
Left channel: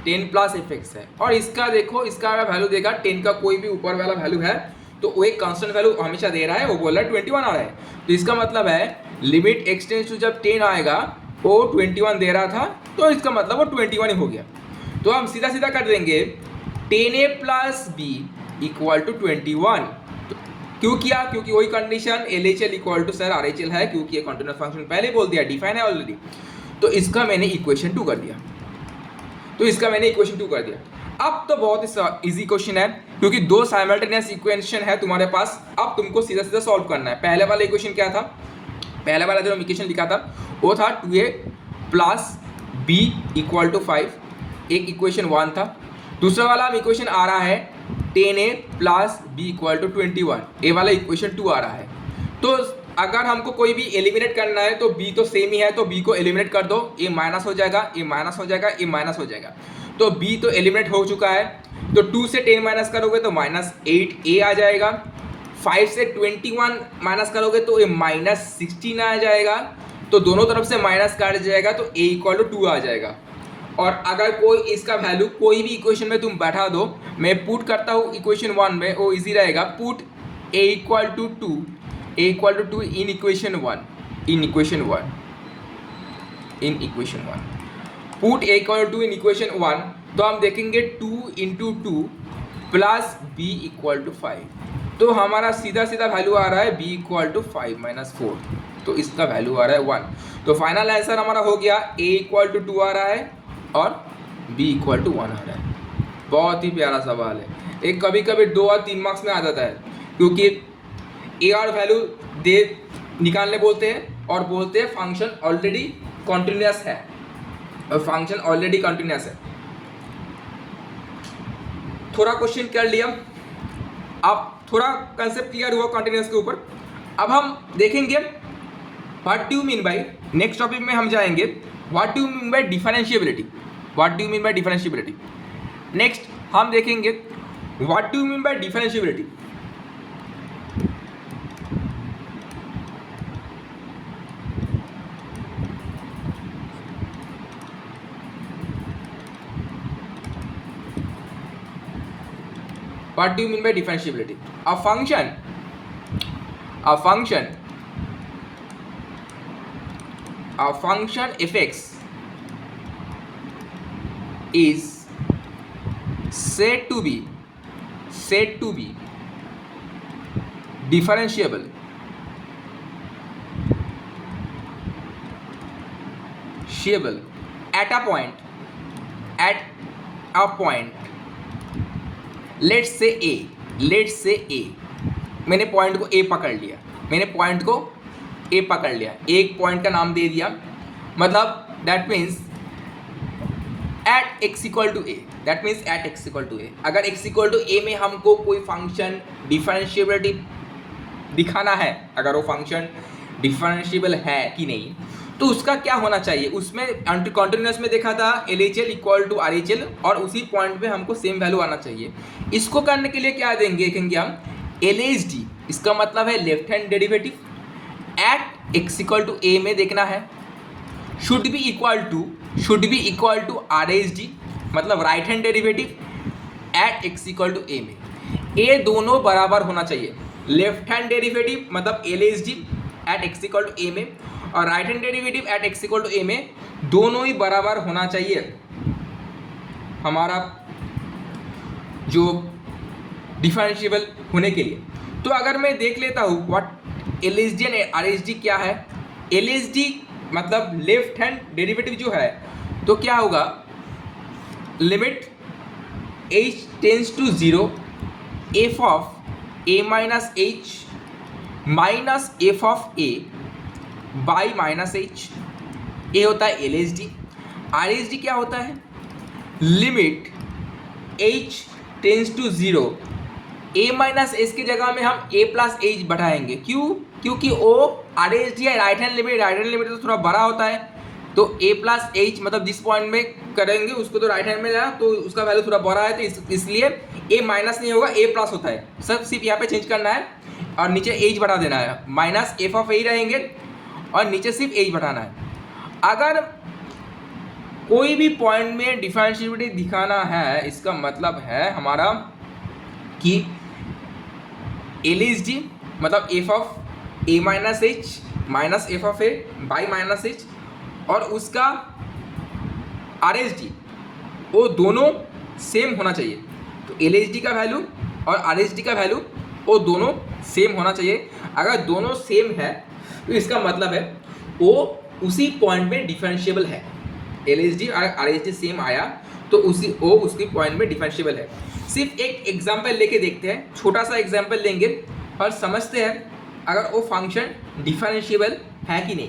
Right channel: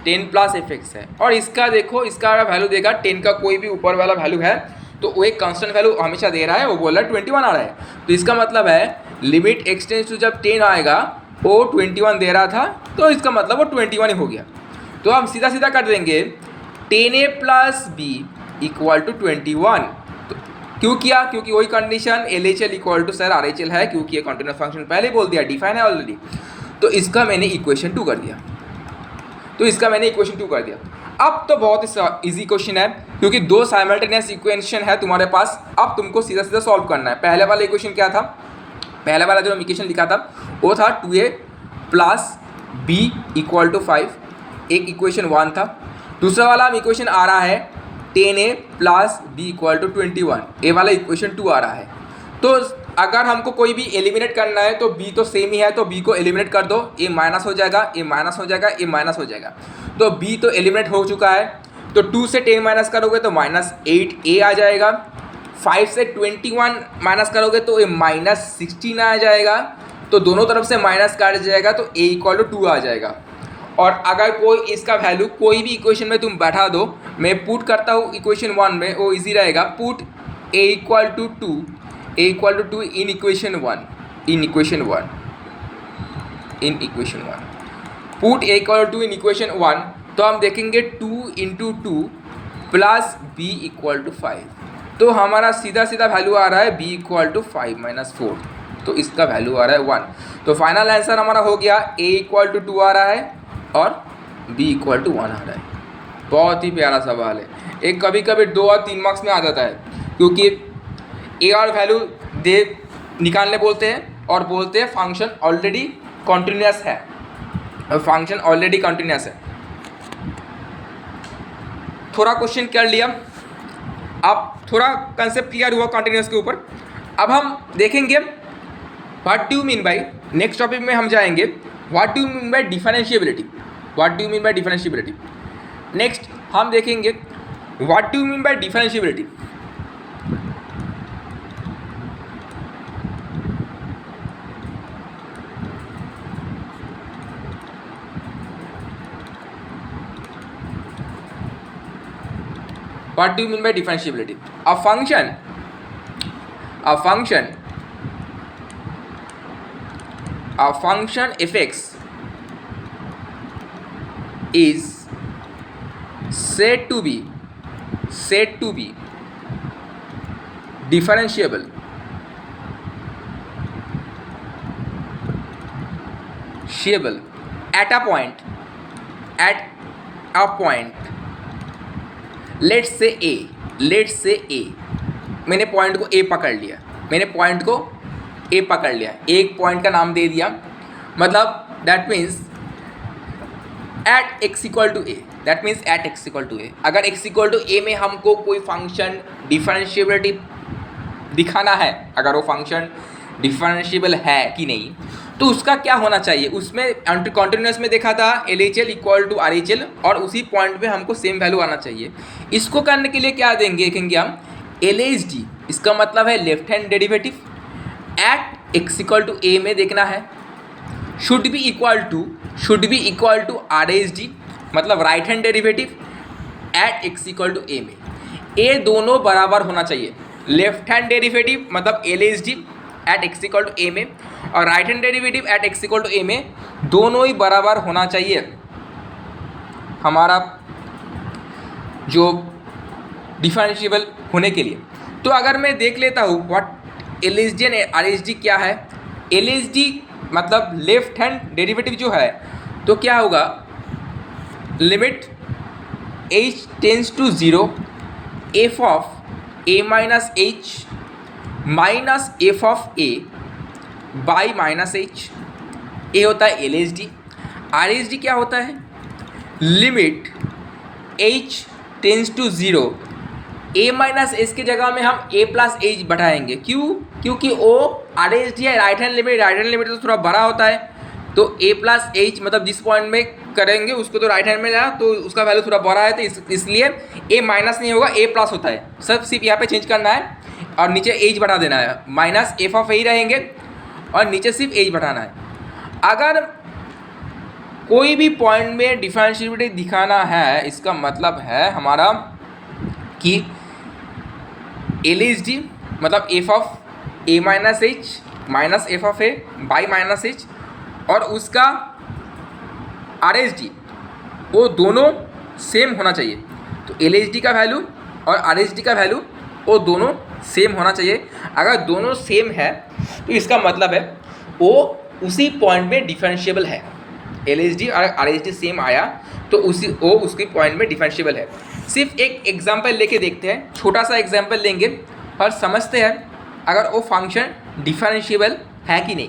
10 प्लस fx है, और इसका देखो इसका वैल्यू देगा 10 का कोई भी ऊपर वाला वैल्यू है तो वो एक कांस्टेंट वैल्यू हमेशा दे रहा है, वो बोल रहा है 21 आ रहा है। तो इसका मतलब है लिमिट x टेंस टू जब 10 आएगा वो 21 दे रहा था, तो इसका मतलब वो 21 ही हो गया। तो हम सीधा सीधा कर देंगे 10a plus b equal to 21। तो क्यों किया, क्योंकि वही condition LHL equal to sir RHL है, क्योंकि ये कंटिन्यूस फंक्शन पहले बोल दिया, डिफाइन है ऑलरेडी। तो इसका मैंने इक्वेशन 2 कर दिया। अब तो बहुत ही इजी क्वेश्चन है, क्योंकि दो साइमल्टेनियस इक्वेशन है तुम्हारे पास। अब तुमको सीधा सीधा सॉल्व करना है। पहले वाला इक्वेशन क्या था, पहले वाला जो हम इक्वेशन लिखा था वो था 2a plus b equal to 5, एक इक्वेशन 1 था। दूसरा वाला हम इक्वेशन आ रहा है 10a plus b equal to 21, ए वाला इक्वेशन 2 आ रहा है। तो अगर हमको कोई भी एलिमिनेट करना है तो b तो सेम ही है, तो b को एलिमिनेट कर दो, a माइनस हो जाएगा, a माइनस हो जाएगा, a माइनस हो जाएगा। तो b तो एलिमिनेट हो चुका है, तो 2 से 10 माइनस करोगे तो -8a आ जाएगा। 5 से 21 माइनस करोगे तो ये -16 आ जाएगा, तो दोनों तरफ से माइनस काट जाएगा तो a = 2 आ जाएगा। और अगर कोई इसका वैल्यू कोई भी इक्वेशन में तुम बैठा दो, मैं पुट करता हूँ इक्वेशन 1 में, वो इजी रहेगा। Put a = 2 in equation 1 put a = 2 in equation 1, तो हम देखेंगे 2 × 2 प्लस b = 5, तो हमारा सीधा सीधा वैल्यू आ रहा है b = 5 - 4, तो इसका वैल्यू आ रहा है 1। तो फाइनल आंसर हमारा हो गया a = 2 आ रहा है और b = 1 आ रहा है। बहुत ही प्यारा सवाल है। एक कभी कभी 2 और 3 मार्क्स में आ जाता है, क्योंकि a और वैल्यू दे निकालने बोलते हैं और बोलते हैं फंक्शन ऑलरेडी कॉन्टिन्यूस है, और फंक्शन ऑलरेडी कॉन्टिन्यूस है। थोड़ा क्वेश्चन कर लिया, अब थोड़ा कंसेप्ट क्लियर हुआ कॉन्टिन्यूस के ऊपर। अब हम देखेंगे what do you mean by, next topic में हम जाएंगे what do you mean by differentiability. Next हम देखेंगे what do you mean by differentiability. What do you mean by differentiability? A function f(x) is said to be differentiable at a point let's say A, मैंने point को ए पकड़ लिया, एक point का नाम दे दिया, मतलब that means at x = a, अगर x = a में हमको कोई फंक्शन डिफरेंशिएबिलिटी दिखाना है, अगर वो फंक्शन डिफरेंशिएबल है कि नहीं, तो उसका क्या होना चाहिए। उसमें कॉन्टिन्यूस में देखा था LHL = RHL, और उसी पॉइंट पे हमको सेम वैल्यू आना चाहिए। इसको करने के लिए क्या देखेंगे हम LHD, इसका मतलब है left hand derivative at x = a में देखना है, should be equal to RHD, मतलब right hand derivative at x = a में। ए दोनों बराबर होना चाहिए, लेफ्ट हैंड डेरिवेटिव मतलब LHD एट x = a में, और right hand derivative at x = a में, दोनों ही बराबर होना चाहिए हमारा जो डिफरेंशिएबल होने के लिए। तो अगर मैं देख लेता हूँ व्हाट LHD एंड RHD क्या है। LHD मतलब लेफ्ट हैंड डेरिवेटिव जो है, तो क्या होगा, limit h tends to 0 f of a - h minus f of a by -h, ये होता है LHD। RHD क्या होता है, limit h tends to 0 a - h की जगह में हम a + h बढ़ाएंगे, क्योंकि वो RHD है राइट हैंड लिमिट तो थोड़ा बड़ा होता है, तो a + h मतलब जिस पॉइंट में करेंगे उसको तो राइट हैंड में जाए, तो उसका वैल्यू थोड़ा बड़ा है, तो इसलिए a माइनस नहीं होगा, a प्लस होता है। सब सिर्फ यहाँ पे चेंज करना है और नीचे h बढ़ा देना है, माइनस f ऑफ a रहेंगे और नीचे सिर्फ h बढ़ाना है। अगर कोई भी पॉइंट में डिफरेंशिएबिलिटी दिखाना है, इसका मतलब है हमारा कि LHD मतलब f of a - h minus f of a by -h, और उसका RHD वो दोनों सेम होना चाहिए। तो LHD का वैल्यू और RHD का वैल्यू वो दोनों सेम होना चाहिए। अगर दोनों सेम है तो इसका मतलब है वो उसी पॉइंट में डिफरेंशिएबल है। LHD और RHD सेम आया तो उसके पॉइंट में डिफरेंशिएबल है। सिर्फ एक एग्जांपल लेके देखते हैं, छोटा सा एग्जांपल लेंगे और समझते हैं अगर वो फंक्शन डिफरेंशिएबल है कि नहीं।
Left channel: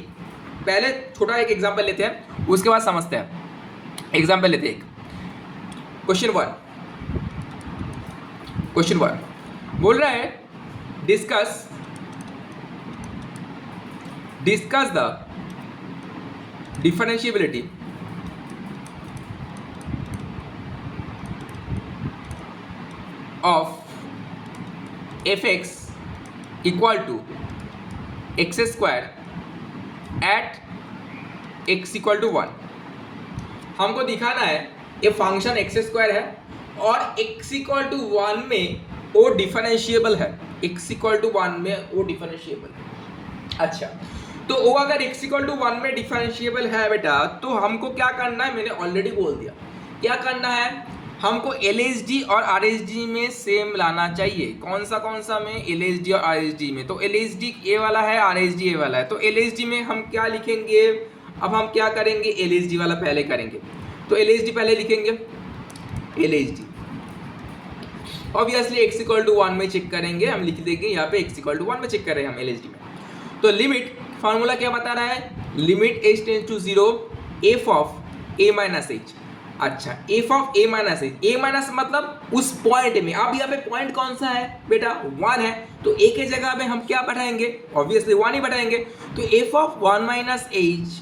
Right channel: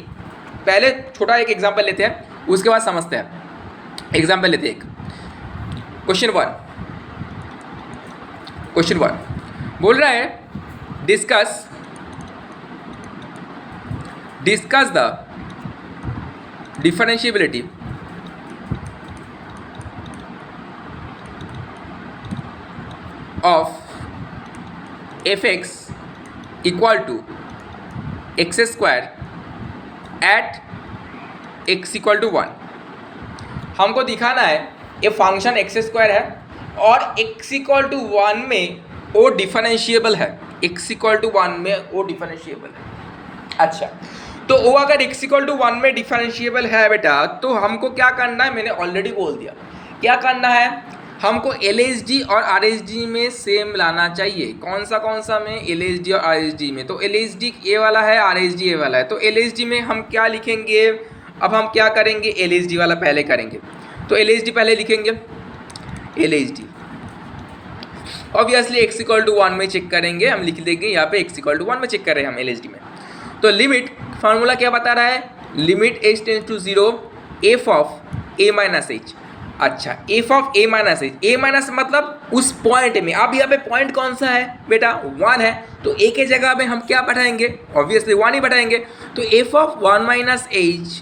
पहले छोटा एक एग्जांपल लेते हैं, उसके बाद समझते हैं। एग्जांपल लेते हैं, क्वेश्चन 1 बोल रहा है discuss the differentiability of f(x) equal to x square at x equal to 1। हमको दिखाना है ये फंक्शन एक्स स्क्वायर है और एक्स इक्वल टू 1 में वो डिफरेंशिएबल है, एक्स इक्वल टू 1 में वो डिफरेंशिएबल है। अच्छा, तो वो अगर x इक्वल टू 1 में डिफरेंशिएबल है बेटा, तो हमको क्या करना है, मैंने ऑलरेडी बोल दिया क्या करना है, हमको LHD और RHD में सेम लाना चाहिए। कौन सा में, LHD और RHD में। तो LHD ये वाला है, RHD ये वाला है। तो LHD में हम क्या लिखेंगे, अब हम क्या करेंगे, LHD वाला पहले करेंगे। तो LHD पहले लिखेंगे, LHD obviously x equal to 1 में चेक करेंगे, हम लिख देंगे यहाँ पे x इक्वल टू 1 में चेक कर रहे हैं हम LHD में। तो लिमिट फार्मूला क्या बता रहा है, limit h tends to 0 f of a minus h। अच्छा, f of a minus h, a minus मतलब उस पॉइंट में, अब यहाँ पे पॉइंट कौन सा है बेटा, 1 है। तो a के जगह में हम क्या बैठाएंगे, ऑब्वियसली 1 ही बैठाएंगे। तो f of 1 minus h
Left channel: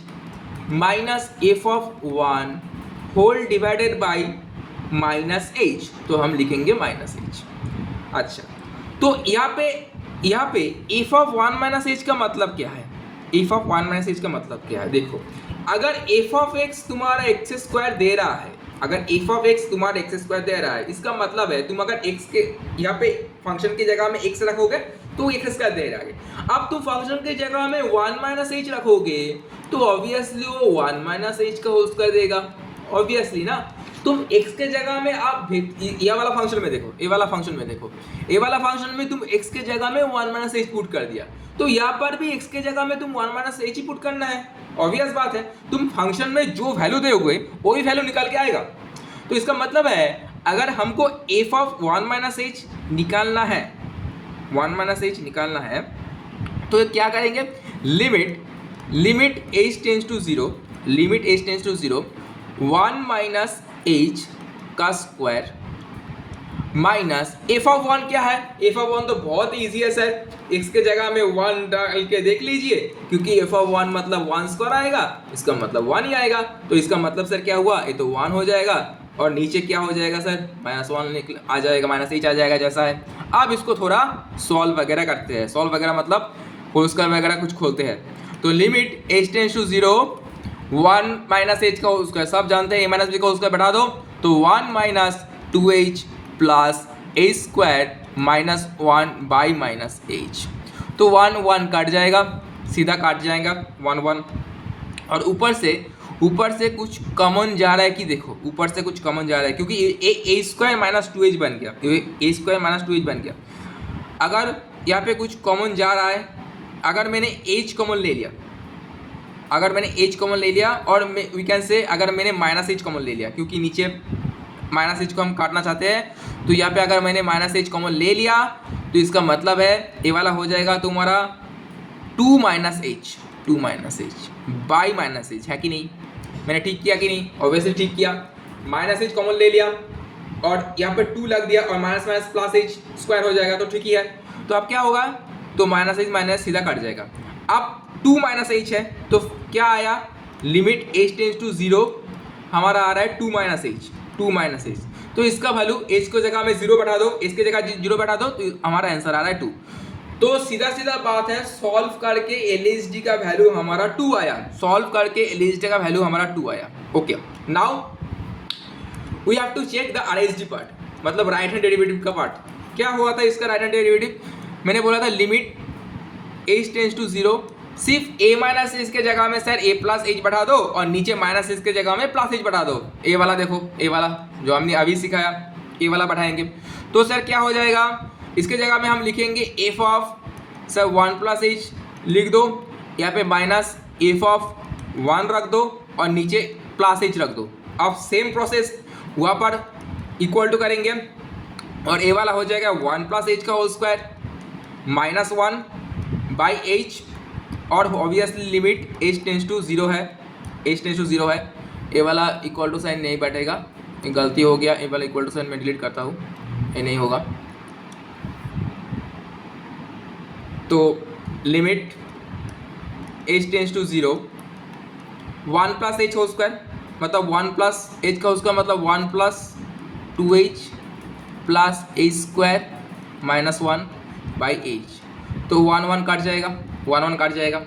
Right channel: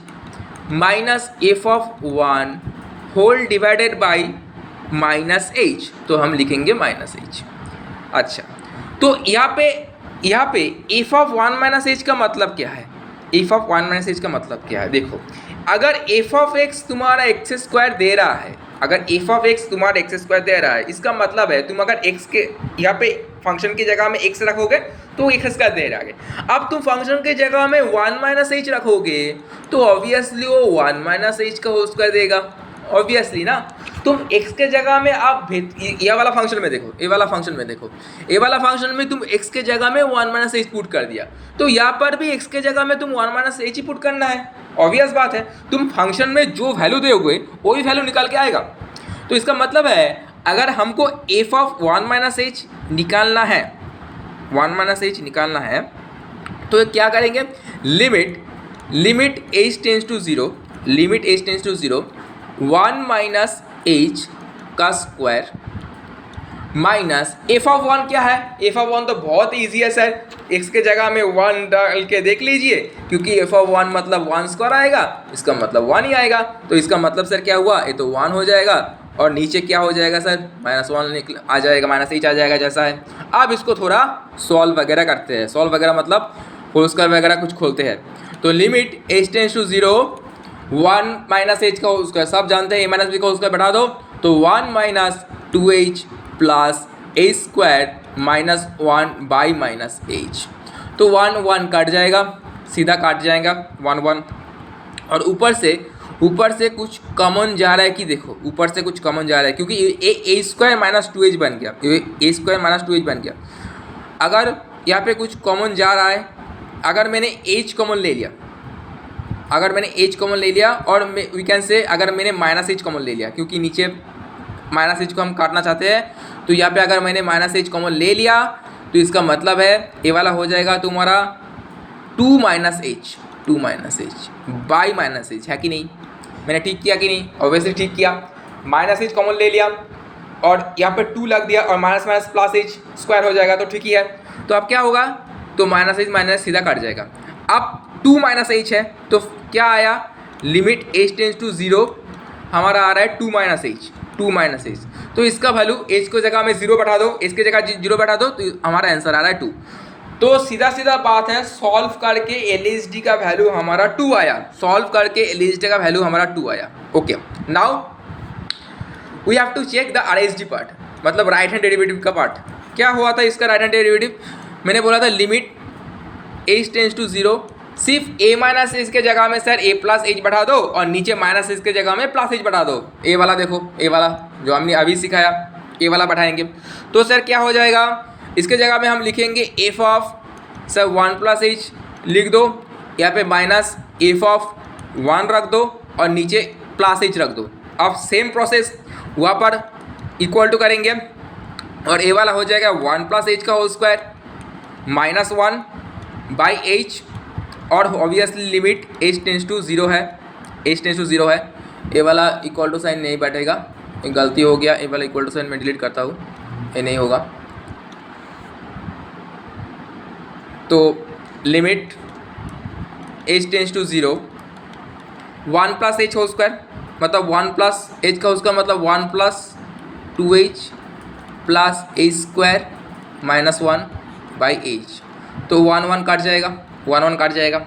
minus f of 1 whole divided by minus h, तो हम लिखेंगे माइनस h। अच्छा, तो यहाँ पे f ऑफ 1 माइनस h का मतलब क्या है, f ऑफ 1 माइनस h का मतलब क्या है, देखो अगर f ऑफ x तुम्हारा एक्स स्क्वायर दे रहा है, अगर f ऑफ x तुम्हारा एक्स स्क्वायर दे रहा है, इसका मतलब है तुम अगर x के यहाँ पे फंक्शन की जगह में x रखोगे तो x स्क्वायर दे रहा है। अब तुम फंक्शन की जगह में 1 माइनस h रखोगे तो ऑब्वियसली वो 1 माइनस h का होल स्क्वायर देगा, ऑब्वियसली ना। तुम x के जगह में आप ये वाला फंक्शन में देखो, ये वाला फंक्शन में देखो, ये वाला फंक्शन में तुम x के जगह में 1 माइनस h पुट कर दिया, तो यहाँ पर भी x के जगह में तुम 1 माइनस h ही पुट करना है, ऑब्वियस बात है। तुम फंक्शन में जो वैल्यू दोगे वही वैल्यू निकाल के आएगा। तो इसका मतलब है अगर हमको f ऑफ 1 माइनस h निकालना है, 1 माइनस h निकालना है, तो क्या करेंगे, limit h tends to 0, limit h tends to 0 1 minus h का स्क्वायर माइनस f ऑफ 1 क्या है, f ऑफ 1 तो बहुत ईजी है सर, x के जगह में 1 डाल के देख लीजिए, क्योंकि f ऑफ 1 मतलब 1 स्क्वायर आएगा, इसका मतलब 1 ही आएगा। तो इसका मतलब सर क्या हुआ, ये तो 1 हो जाएगा और नीचे क्या हो जाएगा सर, माइनस 1 आ जाएगा, माइनस h आ जाएगा जैसा है। अब इसको थोड़ा सॉल्व वगैरह करते हैं, सॉल्व वगैरह मतलब होल स्क्वायर वगैरह कुछ खोलते हैं। तो limit h tends to 0 1 minus h का होल स्क्वायर, सब जानते हैं a माइनस b का होल स्क्वायर बढ़ा दो, तो 1 माइनस 2h plus h square minus 1 by minus h। तो 1 1 काट जाएगा, सीधा काट जाएगा 1 1, और ऊपर से कुछ कॉमन जा रहा है कि देखो, ऊपर से कुछ कॉमन जा रहा है क्योंकि a स्क्वायर माइनस 2h बन गया, a स्क्वायर माइनस 2h बन गया। अगर यहाँ पे कुछ कॉमन जा रहा है, अगर मैंने h कॉमन ले लिया, अगर मैंने h कॉमन ले लिया, और वी कैन से अगर मैंने माइनस h कॉमन ले लिया, क्योंकि नीचे माइनस h को हम काटना चाहते हैं, तो यहाँ पे अगर मैंने माइनस h कॉमन ले लिया तो इसका मतलब है ये वाला हो जाएगा तुम्हारा 2 minus h by minus h, है कि नहीं, मैंने ठीक किया कि नहीं, ऑब्वियसली ठीक किया। माइनस h कॉमन ले लिया और यहाँ पे 2 लग दिया और minus minus plus h square हो जाएगा, तो ठीक ही है। तो अब क्या होगा, तो माइनस h माइनस सीधा काट जाएगा। अब 2 माइनस h है तो क्या आया, लिमिट h टेंड्स टू 0 हमारा आ रहा है 2 माइनस h। तो इसका वैल्यू h को जगह में 0 बैठा दो, इसके जगह 0 बैठा दो, तो हमारा आंसर आ रहा है 2। तो सीधा बात है, सॉल्व करके LHD का वैल्यू हमारा 2 आया, सॉल्व करके LHD का वैल्यू हमारा 2 आया। Okay, now we have to check the RHD part, मतलब राइट हैंड डेरिवेटिव का पार्ट। क्या हुआ था इसका राइट हैंड डेरिवेटिव, मैंने बोला था लिमिट h टेंड्स टू 0, सिर्फ a माइनस h के जगह में सर a प्लस h बढ़ा दो और नीचे माइनस h के जगह में प्लस h बढ़ा दो। a वाला देखो, a वाला जो हमने अभी सिखाया, a वाला बढ़ाएंगे तो सर क्या हो जाएगा, इसके जगह में हम लिखेंगे f of sir 1 plus h लिख दो, यहाँ पे माइनस f ऑफ 1 रख दो और नीचे प्लस h रख दो। अब सेम प्रोसेस वहाँ पर इक्वल टू करेंगे और a वाला हो जाएगा 1 प्लस h का whole square minus 1 by h, और obviously limit h tends to 0 है, h टेंड्स टू 0 है। ए वाला इक्वल टू साइन नहीं बैठेगा, एक गलती हो गया, ए वाला इक्वल टू साइन मैं डिलीट करता हूँ, ये नहीं होगा। तो limit h tends to 0 1 plus h whole square, मतलब 1 प्लस h का उसका मतलब 1 plus 2h plus h square minus 1 by h। तो 1 1 कट जाएगा, 1 1 कट जाएगा।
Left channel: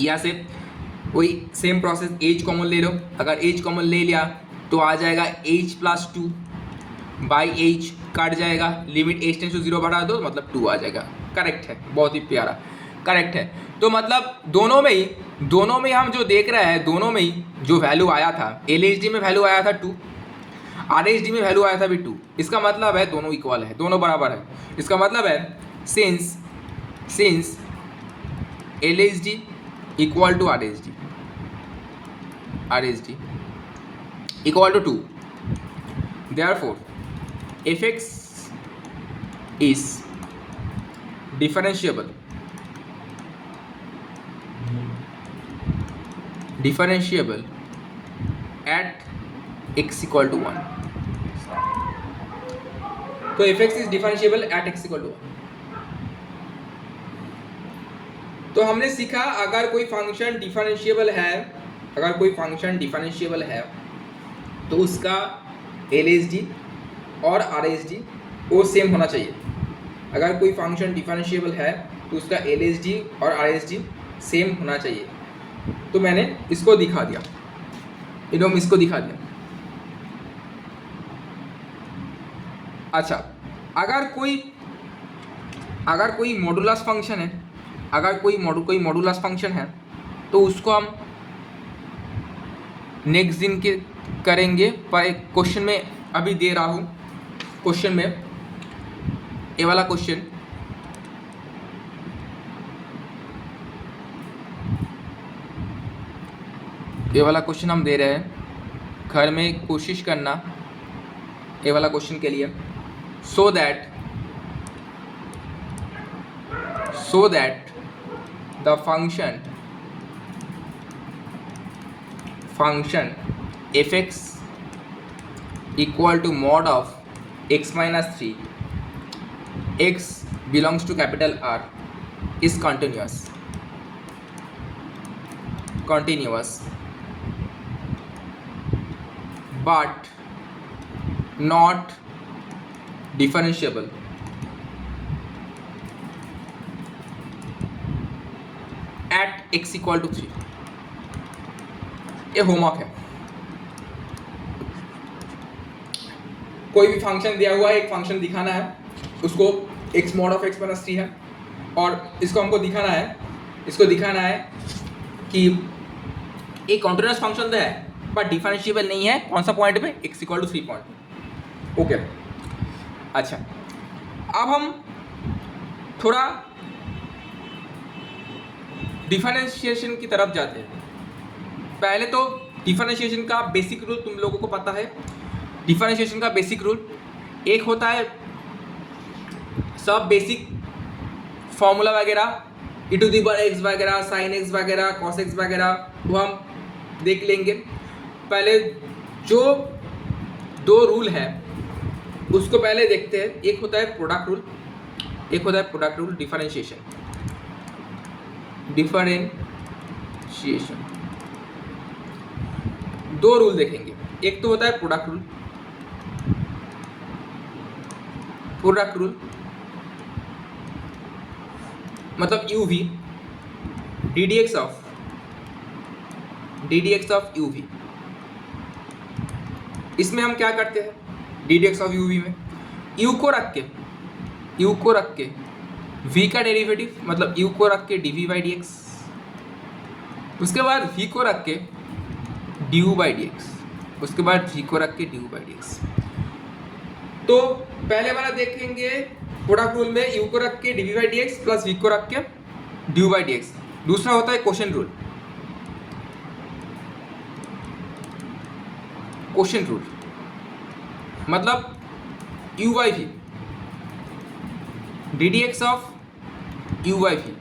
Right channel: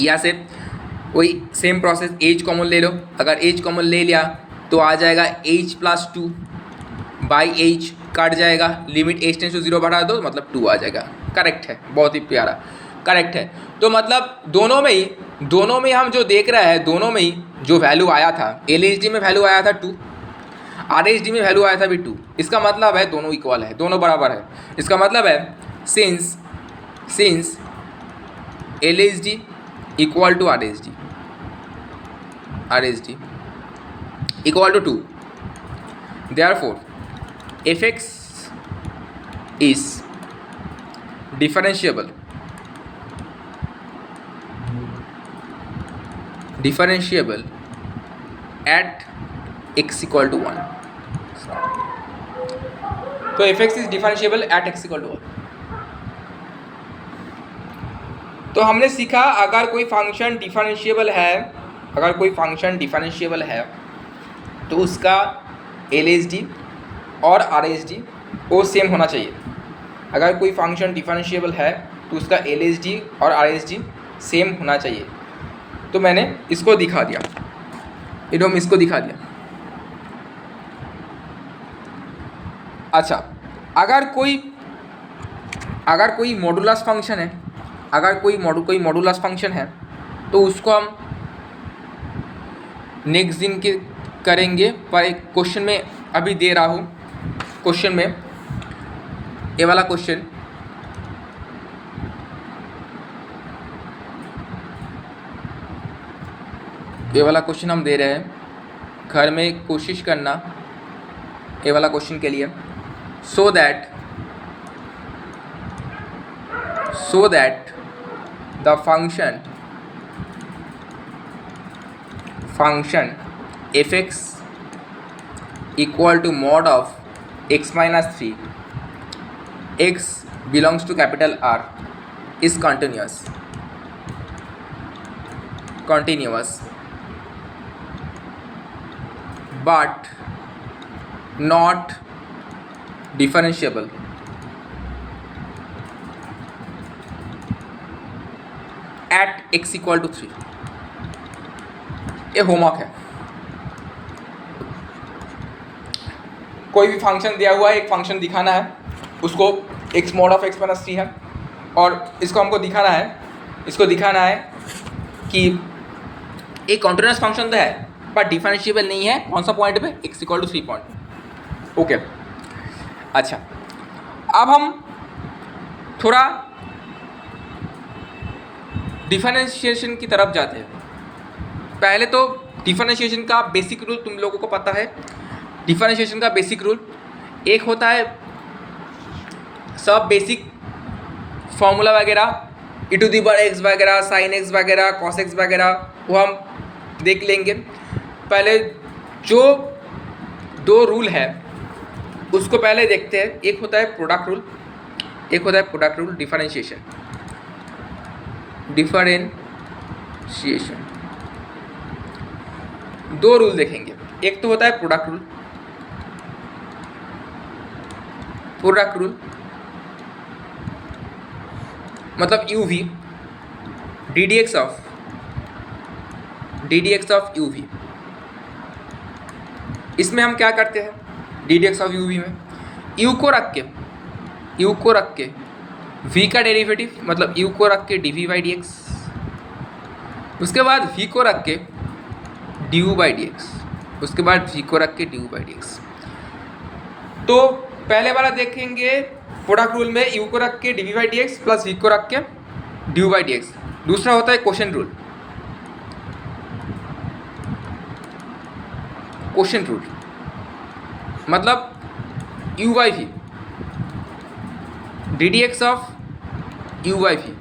या से वही सेम प्रोसेस, एज कॉमन ले लो, अगर एज कॉमन ले लिया तो आ जाएगा H plus 2 by H, cut जाएगा, लिमिट एच टेंस टू 0 बढ़ा दो मतलब 2 आ जाएगा। करेक्ट है, बहुत ही प्यारा, करेक्ट है। तो मतलब दोनों में ही हम जो देख रहे हैं, दोनों में ही जो वैल्यू आया था, LHD में वैल्यू आया था 2, RHD में वैल्यू आया था भी 2। इसका मतलब है दोनों इक्वल है, दोनों बराबर है। इसका मतलब है since LHD equal to RHD equal to 2, therefore fx is differentiable at x equal to 1। तो fx is differentiable at x equal to 1। तो हमने सीखा अगर कोई फंक्शन डिफरेंशिएबल है, तो उसका LHD और RHD वो सेम होना चाहिए। अगर कोई फंक्शन डिफरेंशिएबल है तो उसका LHD और RHD सेम होना चाहिए। तो मैंने इसको दिखा दिया, इसको दिखा दिया। अच्छा, अगर कोई मॉडुलस फंक्शन है, कोई मॉडुलस फंक्शन है तो उसको हम नेक्स्ट दिन के करेंगे, पर एक क्वेश्चन में अभी दे रहा हूँ। क्वेश्चन में ये वाला क्वेश्चन हम दे रहे हैं, घर में कोशिश करना ये वाला क्वेश्चन के लिए, so that the function fx equal to mod of x minus 3, x belongs to capital R, is continuous but not differentiable at x equal to 3। ये होमवर्क है। कोई भी फंक्शन दिया हुआ है, एक फंक्शन दिखाना है, उसको x mod of x minus 3 है, और इसको हमको दिखाना है कि एक कॉन्टिन्यूस फंक्शन तो है पर डिफरेंशिएबल नहीं है। कौन सा पॉइंट पे? x equal to 3 point. Okay, अच्छा, अब हम थोड़ा डिफरेंशिएशन की तरफ जाते हैं। पहले तो डिफरेंशिएशन का बेसिक रूल तुम लोगों को पता है। डिफरेंशिएशन का बेसिक रूल एक होता है, सब बेसिक फॉर्मूला वगैरह e⁻x वगैरह, sin x वगैरह, cos x वगैरह, वो हम देख लेंगे। पहले जो दो रूल है उसको पहले देखते हैं। एक होता है प्रोडक्ट रूल, डिफरेंशिएशन। दो रूल देखेंगे। एक तो होता है प्रोडक्ट रूल मतलब uv, ddx ऑफ uv। इसमें हम क्या करते हैं? ddx ऑफ uv में u को रख के v का डेरिवेटिव मतलब u को रख के dv/dx, उसके बाद v को रख के du/dx, उसके बाद v को रख के du/dx। तो पहले वाला देखेंगे प्रोडक्ट रूल में u को रख के dv/dx प्लस v को रख के du/dx। दूसरा होता है क्वोशिएंट रूल मतलब u/v, ddx ऑफ u/v।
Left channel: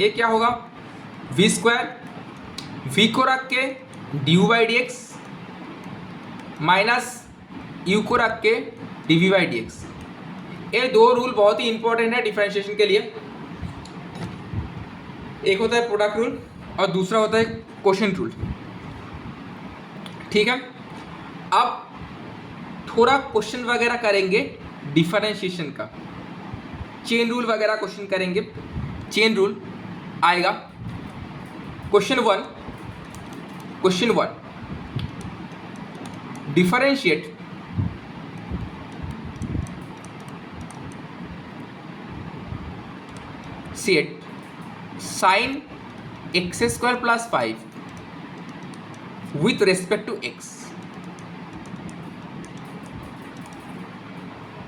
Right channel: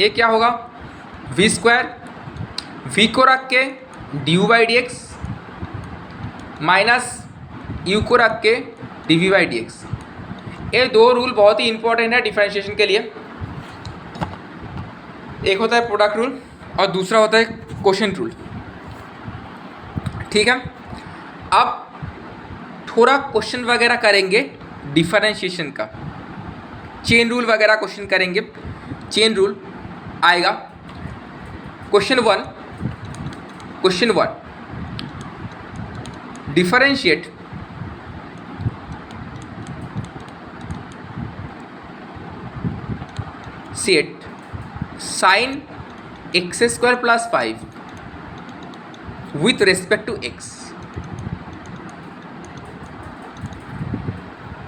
ये क्या होगा? v स्क्वायर, v को रख के du/dx माइनस u को रख के dv/dx। ये दो रूल बहुत ही इंपॉर्टेंट है डिफरेंशिएशन के लिए। एक होता है प्रोडक्ट रूल और दूसरा होता है क्वोशिएंट रूल। ठीक है, अब थोड़ा क्वेश्चन वगैरह करेंगे डिफरेंशिएशन का। चेन रूल वगैरह क्वेश्चन करेंगे। चेन रूल आएगा question one differentiate set sine x square plus 5 with respect to x.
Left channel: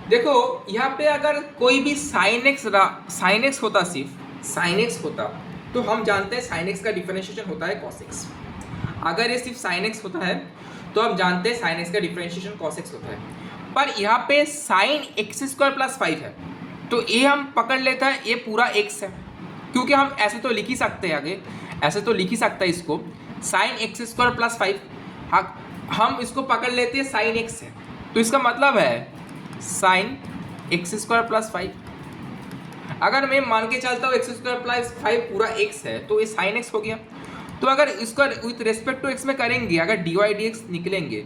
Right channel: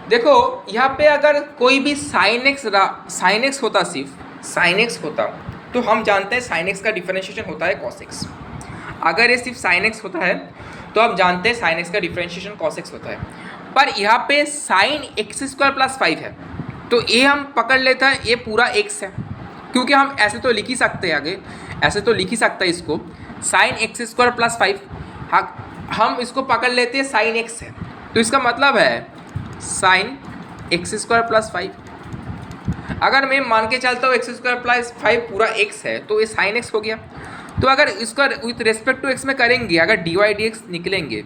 देखो यहाँ पे अगर कोई भी साइन एक्स होता, सिर्फ साइन एक्स होता, तो हम जानते हैं साइन एक्स का डिफरेंशिएशन होता है कॉस एक्स। अगर ये सिर्फ साइन एक्स होता है तो हम जानते हैं साइन एक्स का डिफरेंशिएशन कॉस एक्स होता है। पर यहाँ पे साइन एक्स स्क्वायर प्लस 5 है, तो ये हम पकड़ लेते हैं ये पूरा एक्स है, क्योंकि हम ऐसे तो लिख ही सकते हैं, आगे ऐसे तो लिख ही सकते हैं इसको, साइन एक्स स्क्वायर प्लस 5 हम इसको पकड़ लेते हैं साइन एक्स है, तो इसका मतलब है साइन एक्स स्क्वायर प्लस 5। अगर मैं मान के चलता हूँ एक्स स्क्वायर प्लस 5 पूरा एक्स है, तो ये साइन एक्स हो गया। तो अगर इसका विथ रेस्पेक्ट टू एक्स में करेंगे, अगर डी वाई डी एक्स निकलेंगे,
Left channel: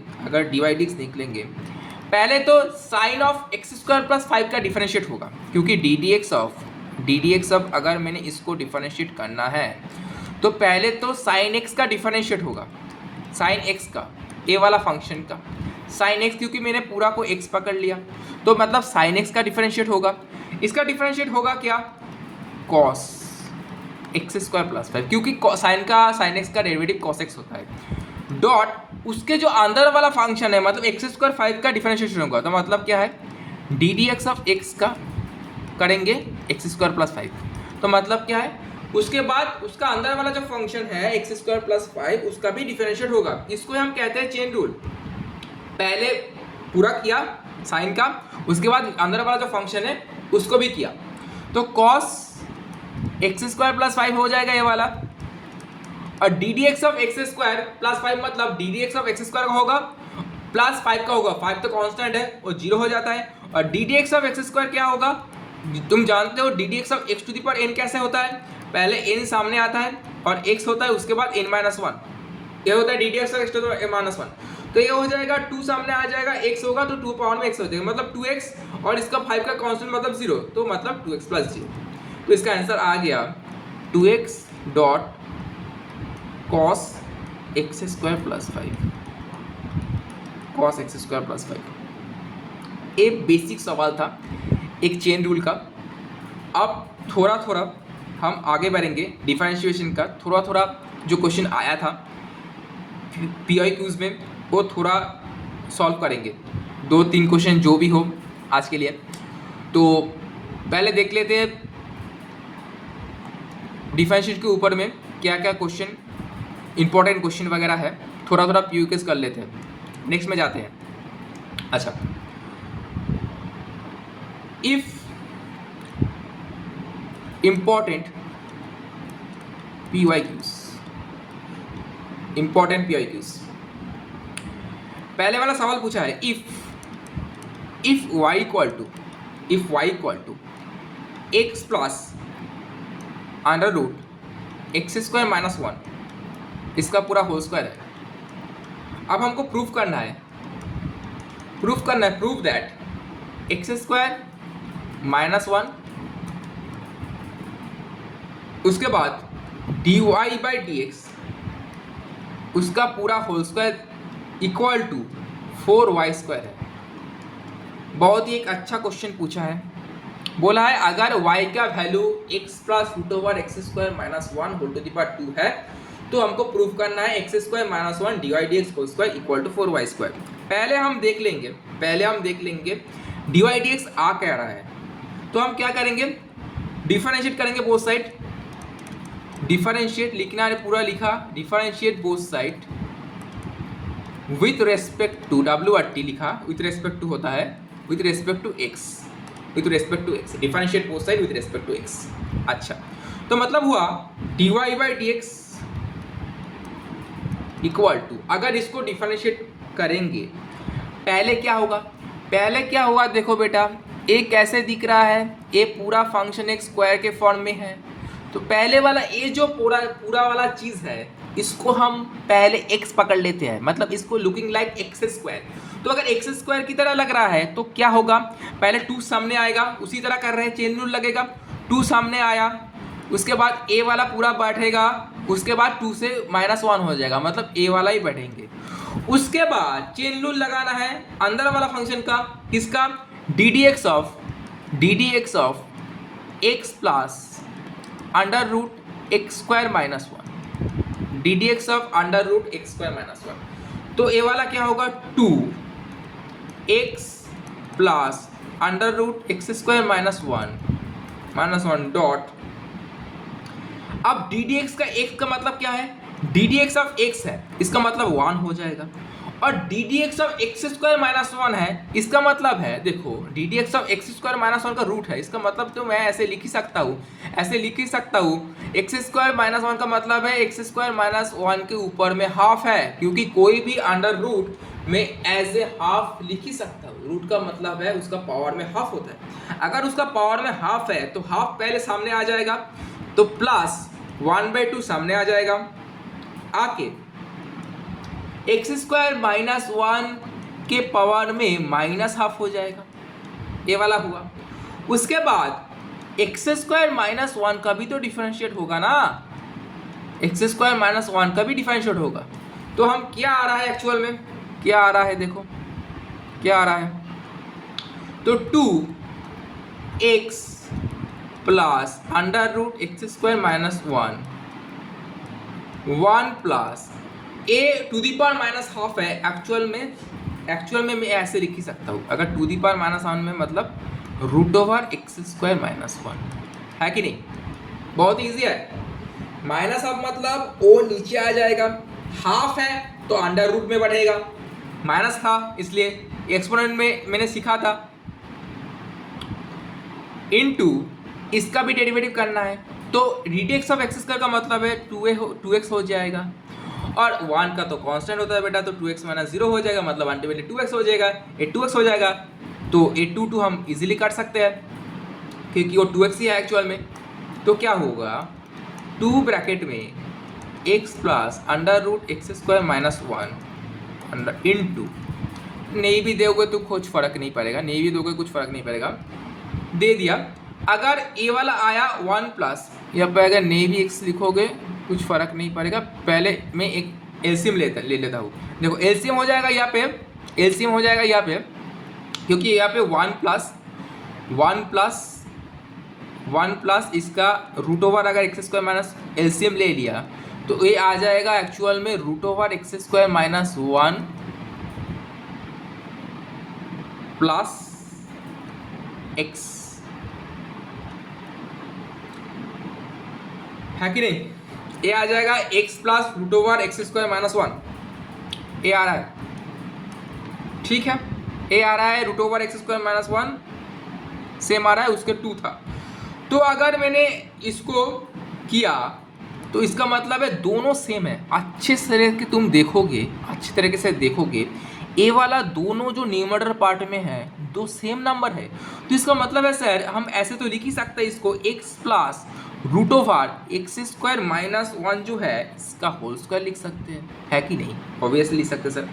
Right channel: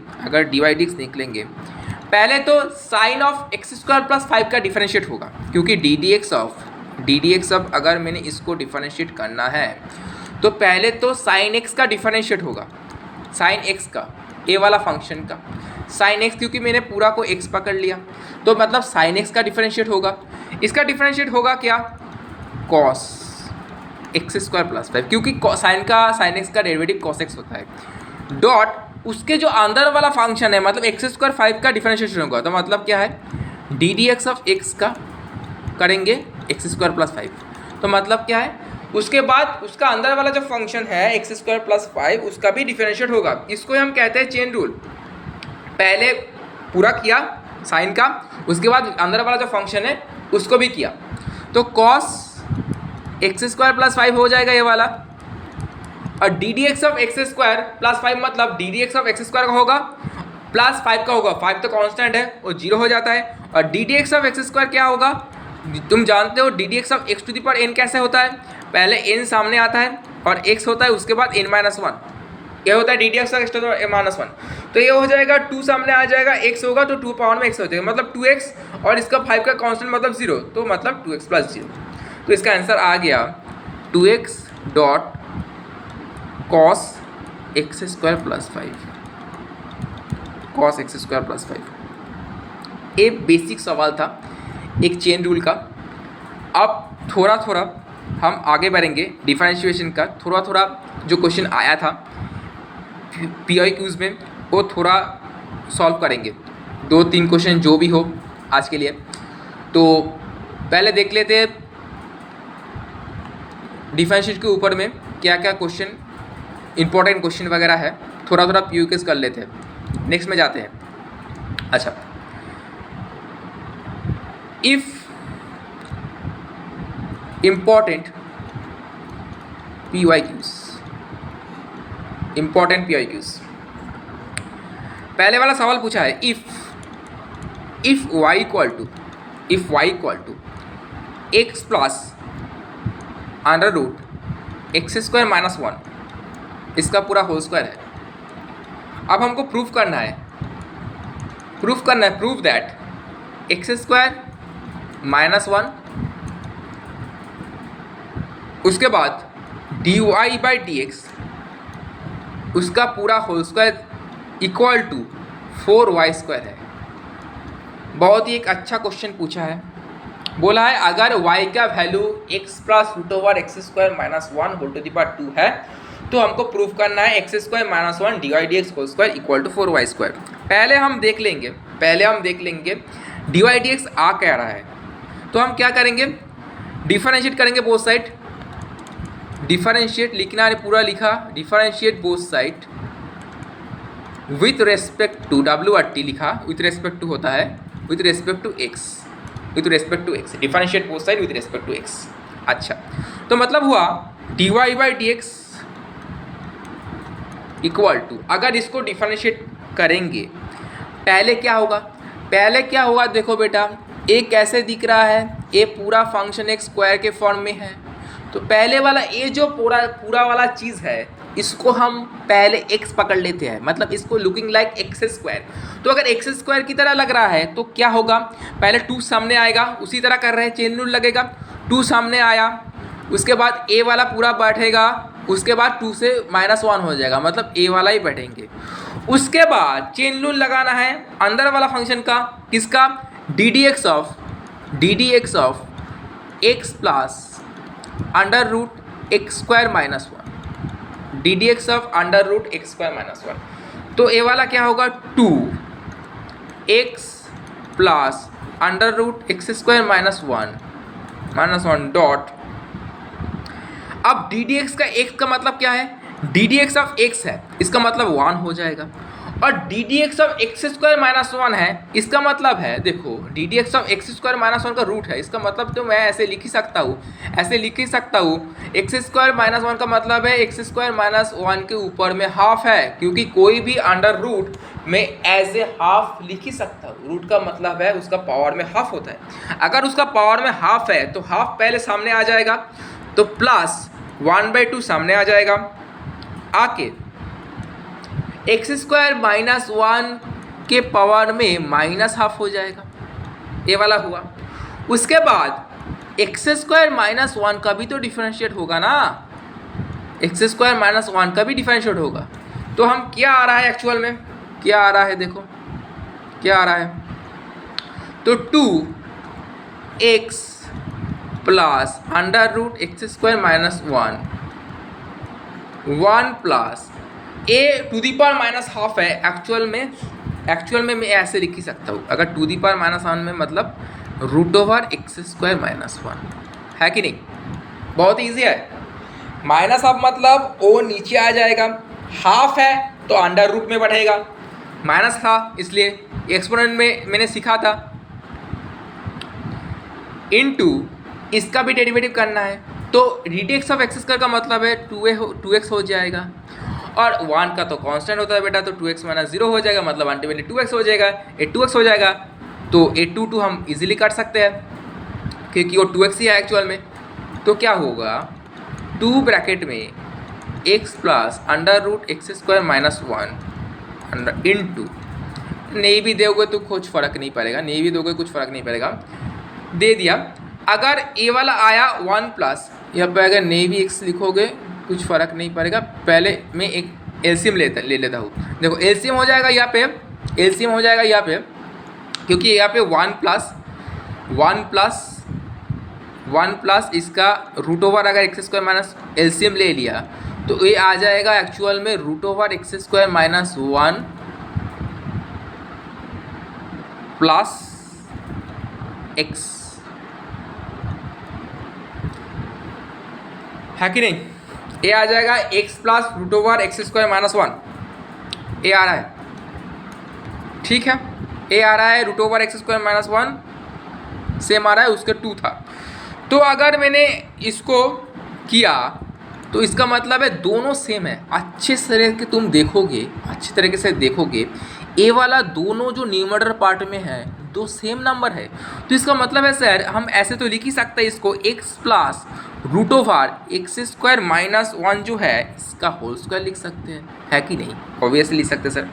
पहले तो sine of x square plus 5 का डिफरेंशिएट होगा, क्योंकि डी डी एक्स अब अगर मैंने इसको डिफरेंशिएट करना है तो पहले तो साइन एक्स का डिफरेंशिएट होगा, साइन एक्स का, ए वाला फंक्शन का साइन एक्स, क्योंकि मैंने पूरा को एक्स पकड़ लिया, तो मतलब साइन एक्स का डिफरेंशिएट होगा। इसका डिफरेंशिएट होगा क्या, कॉस एक्स स्क्वायर प्लस 5, क्योंकि साइन एक्स का डेरिवेटिव कॉस एक्स होता है, डॉट उसके जो अंदर वाला फंक्शन है, मतलब एक्स स्क्वायर 5 का डिफरेंशिएशन होगा, तो मतलब क्या है d d x of x का करेंगे एक्स स्क्वायर प्लस 5, तो मतलब क्या है उसके बाद उसका अंदर वाला जो फंक्शन है एक्स स्क्वायर प्लस 5 उसका भी डिफरेंशिएट होगा। इसको हम कहते हैं चेन रूल। पहले पूरा किया साइन का, उसके बाद अंदर वाला जो फंक्शन है उसको भी किया, तो कॉस एक्स स्क्वायर प्लस 5 हो जाएगा ये वाला, और d d x of x square plus 5 मतलब D d x of x square का होगा प्लस 5 का होगा, 5 तो कांस्टेंट है वो 0 हो जाता है, और d d x of x square क्या होगा, तुम जानते हो d d x of x to the power n कैसे होता है, पहले एन सामने आता है और एक्स होता है, उसके बाद n माइनस 1, ये होता है d d x of x to the power minus 1, तो ये हो जाएगा 2 सामने आ जाएगा, x होगा तो 2 पावर में x हो जाएगा, मतलब 2x, और इसका 5 का कांस्टेंट मतलब 0, तो मतलब 2x प्लस 0, तो इसका आंसर आ गया 2x dot cos x square plus 5, cos x square plus 5। एक बेसिक सवाल था एक चेन रूल का। अब थोड़ा थोड़ा हम आगे बढ़ेंगे डिफरेंशिएशन का, थोड़ा थोड़ा जो क्वेश्चन आया था PIQs में वो थोड़ा सॉल्व करेंगे, 2-3 क्वेश्चन जो भी हो आज के लिए। तो पहले देख लेते हैं डिफरेंशिएशन के ऊपर में क्या क्या क्वेश्चन इंपॉर्टेंट क्वेश्चन वगैरह है, थोड़ा थोड़ा PIQs कर लेते हैं, नेक्स्ट में जाते हैं। अच्छा, इफ इम्पॉर्टेंट PIQs, पहले वाला सवाल पूछा है if y equal to x plus under root x square minus 1, इसका पूरा होल स्क्वायर है। अब हमको प्रूफ करना है proof that x square minus 1, उसके बाद dy बाई डी एक्स उसका पूरा whole square equal to 4y square है। बहुत ही एक अच्छा क्वेश्चन पूछा है, बोला है अगर y का value x plus root over x square minus 1 whole to the power 2 है, तो हमको प्रूफ करना है x square minus 1 d y d x whole square equal to 4y square. पहले हम देख लेंगे डी वाई डी एक्स आ कह रहा है, तो हम क्या करेंगे डिफरेंशिएट करेंगे बोथ साइड। डिफरेंशिएट लिखना है, पूरा लिखा, differentiate both side with respect to WRT लिखा, विथ रेस्पेक्ट टू होता है with respect to x, differentiate both side with respect to x. अच्छा, तो मतलब हुआ d y by d x equal to, अगर इसको डिफरेंशिएट करेंगे पहले क्या होगा, देखो बेटा ए कैसे दिख रहा है, ए पूरा फंक्शन एक स्क्वायर के फॉर्म में है, तो पहले वाला ये जो पूरा पूरा वाला चीज़ है इसको हम पहले x पकड़ लेते हैं, मतलब इसको लुकिंग लाइक एक्स स्क्वायर। तो अगर एक्स स्क्वायर की तरह लग रहा है तो क्या होगा, पहले 2 सामने आएगा, उसी तरह कर रहे हैं, चेन रूल लगेगा, 2 सामने आया, उसके बाद a वाला पूरा बैठेगा, उसके बाद 2 से -1 हो जाएगा, मतलब a वाला ही बैठेंगे। उसके बाद चेन रूल लगाना है अंदर वाला फंक्शन का, किसका, d d x of x plus under root x square minus 1, d d x of under root x square minus 1। तो ए वाला क्या होगा, 2x plus under root x square minus 1 dot. अब डी डी एक्स का x का मतलब क्या है, d d x of x है, इसका मतलब 1 हो जाएगा, और d d x of x square minus 1 है, इसका मतलब है, देखो D d x of x square minus 1 का रूट है, इसका मतलब तो मैं ऐसे लिख ही सकता हूँ, एक्स स्क्वायर माइनस 1 का मतलब है एक्स स्क्वायर माइनस 1 के ऊपर में हाफ है, क्योंकि कोई भी अंडर रूट में एज ए हाफ लिख ही सकता हूँ, रूट का मतलब है उसका पावर में हाफ होता है। अगर उसका पावर में हाफ है तो हाफ पहले सामने आ जाएगा, तो प्लस 1/2 सामने आ जाएगा, आके एक्स स्क्वायर माइनस 1 के पावर में माइनस हाफ हो जाएगा, ये वाला हुआ। उसके बाद एक्स स्क्वायर माइनस 1 का भी तो डिफरेंशिएट होगा ना, एक्स स्क्वायर माइनस 1 का भी डिफरेंशिएट होगा। तो हम क्या आ रहा है एक्चुअल में, क्या आ रहा है, देखो क्या आ रहा है, तो 2x plus under root x square minus 1 plus a to the power minus half है, एक्चुअल में मैं ऐसे लिख ही सकता हूँ, अगर टू दी पावर माइनस 1 में मतलब root over x square minus 1 है कि नहीं, बहुत ईजी है। माइनस हाफ मतलब o नीचे आ जाएगा, हाफ है तो अंडर रूट में बढ़ेगा, माइनस था इसलिए एक्सपोनेंट में मैंने सीखा था, इनटू इसका भी डेरिवेटिव करना है, तो D d x of x square का मतलब है 2x हो जाएगा, और 1 का तो कांस्टेंट होता है बेटा, तो 2x माइनस 0 हो जाएगा, मतलब अल्टीमेटली 2x हो जाएगा, ये 2x हो जाएगा, तो ये 2 हम इजीली काट सकते हैं क्योंकि वो 2x ही है एक्चुअल में। तो क्या होगा, 2 ब्रैकेट में x plus under root x square minus 1 into, नहीं भी दोगे तो कुछ फ़र्क नहीं पड़ेगा, नहीं भी दोगे कुछ फ़र्क नहीं पड़ेगा, दे दिया। अगर ए वाला आया 1 प्लस, या पर अगर नहीं भी x लिखोगे कुछ फ़र्क नहीं पड़ेगा, पहले मैं एक एलसीएम ले लेता हूँ, देखो एलसीएम हो जाएगा यहाँ पे, एलसीएम हो जाएगा यहाँ पे, क्योंकि यहाँ पे 1 प्लस इसका रूट ओवर अगर एक्स स्क्वायर माइनस एलसीएम ले लिया तो ये आ जाएगा एक्चुअल में root over x square minus 1 plus x, है कि नहीं, ये आ जाएगा x plus root over x square minus 1, ये आ रहा है, ठीक है, ये आ रहा है root over x square minus 1, same आ रहा है, उसके 2 था। तो अगर मैंने इसको किया तो इसका मतलब है दोनों सेम है, अच्छे तरीके से देखोगे ए वाला दोनों जो न्यूमरेटर पार्ट में है दो सेम नंबर है, तो इसका मतलब है सर हम ऐसे तो लिख ही सकते हैं इसको, x plus root over x square minus 1 जो है इसका होल स्क्वायर लिख सकते हैं, है कि नहीं, ऑब्वियसली लिख सकते हैं सर।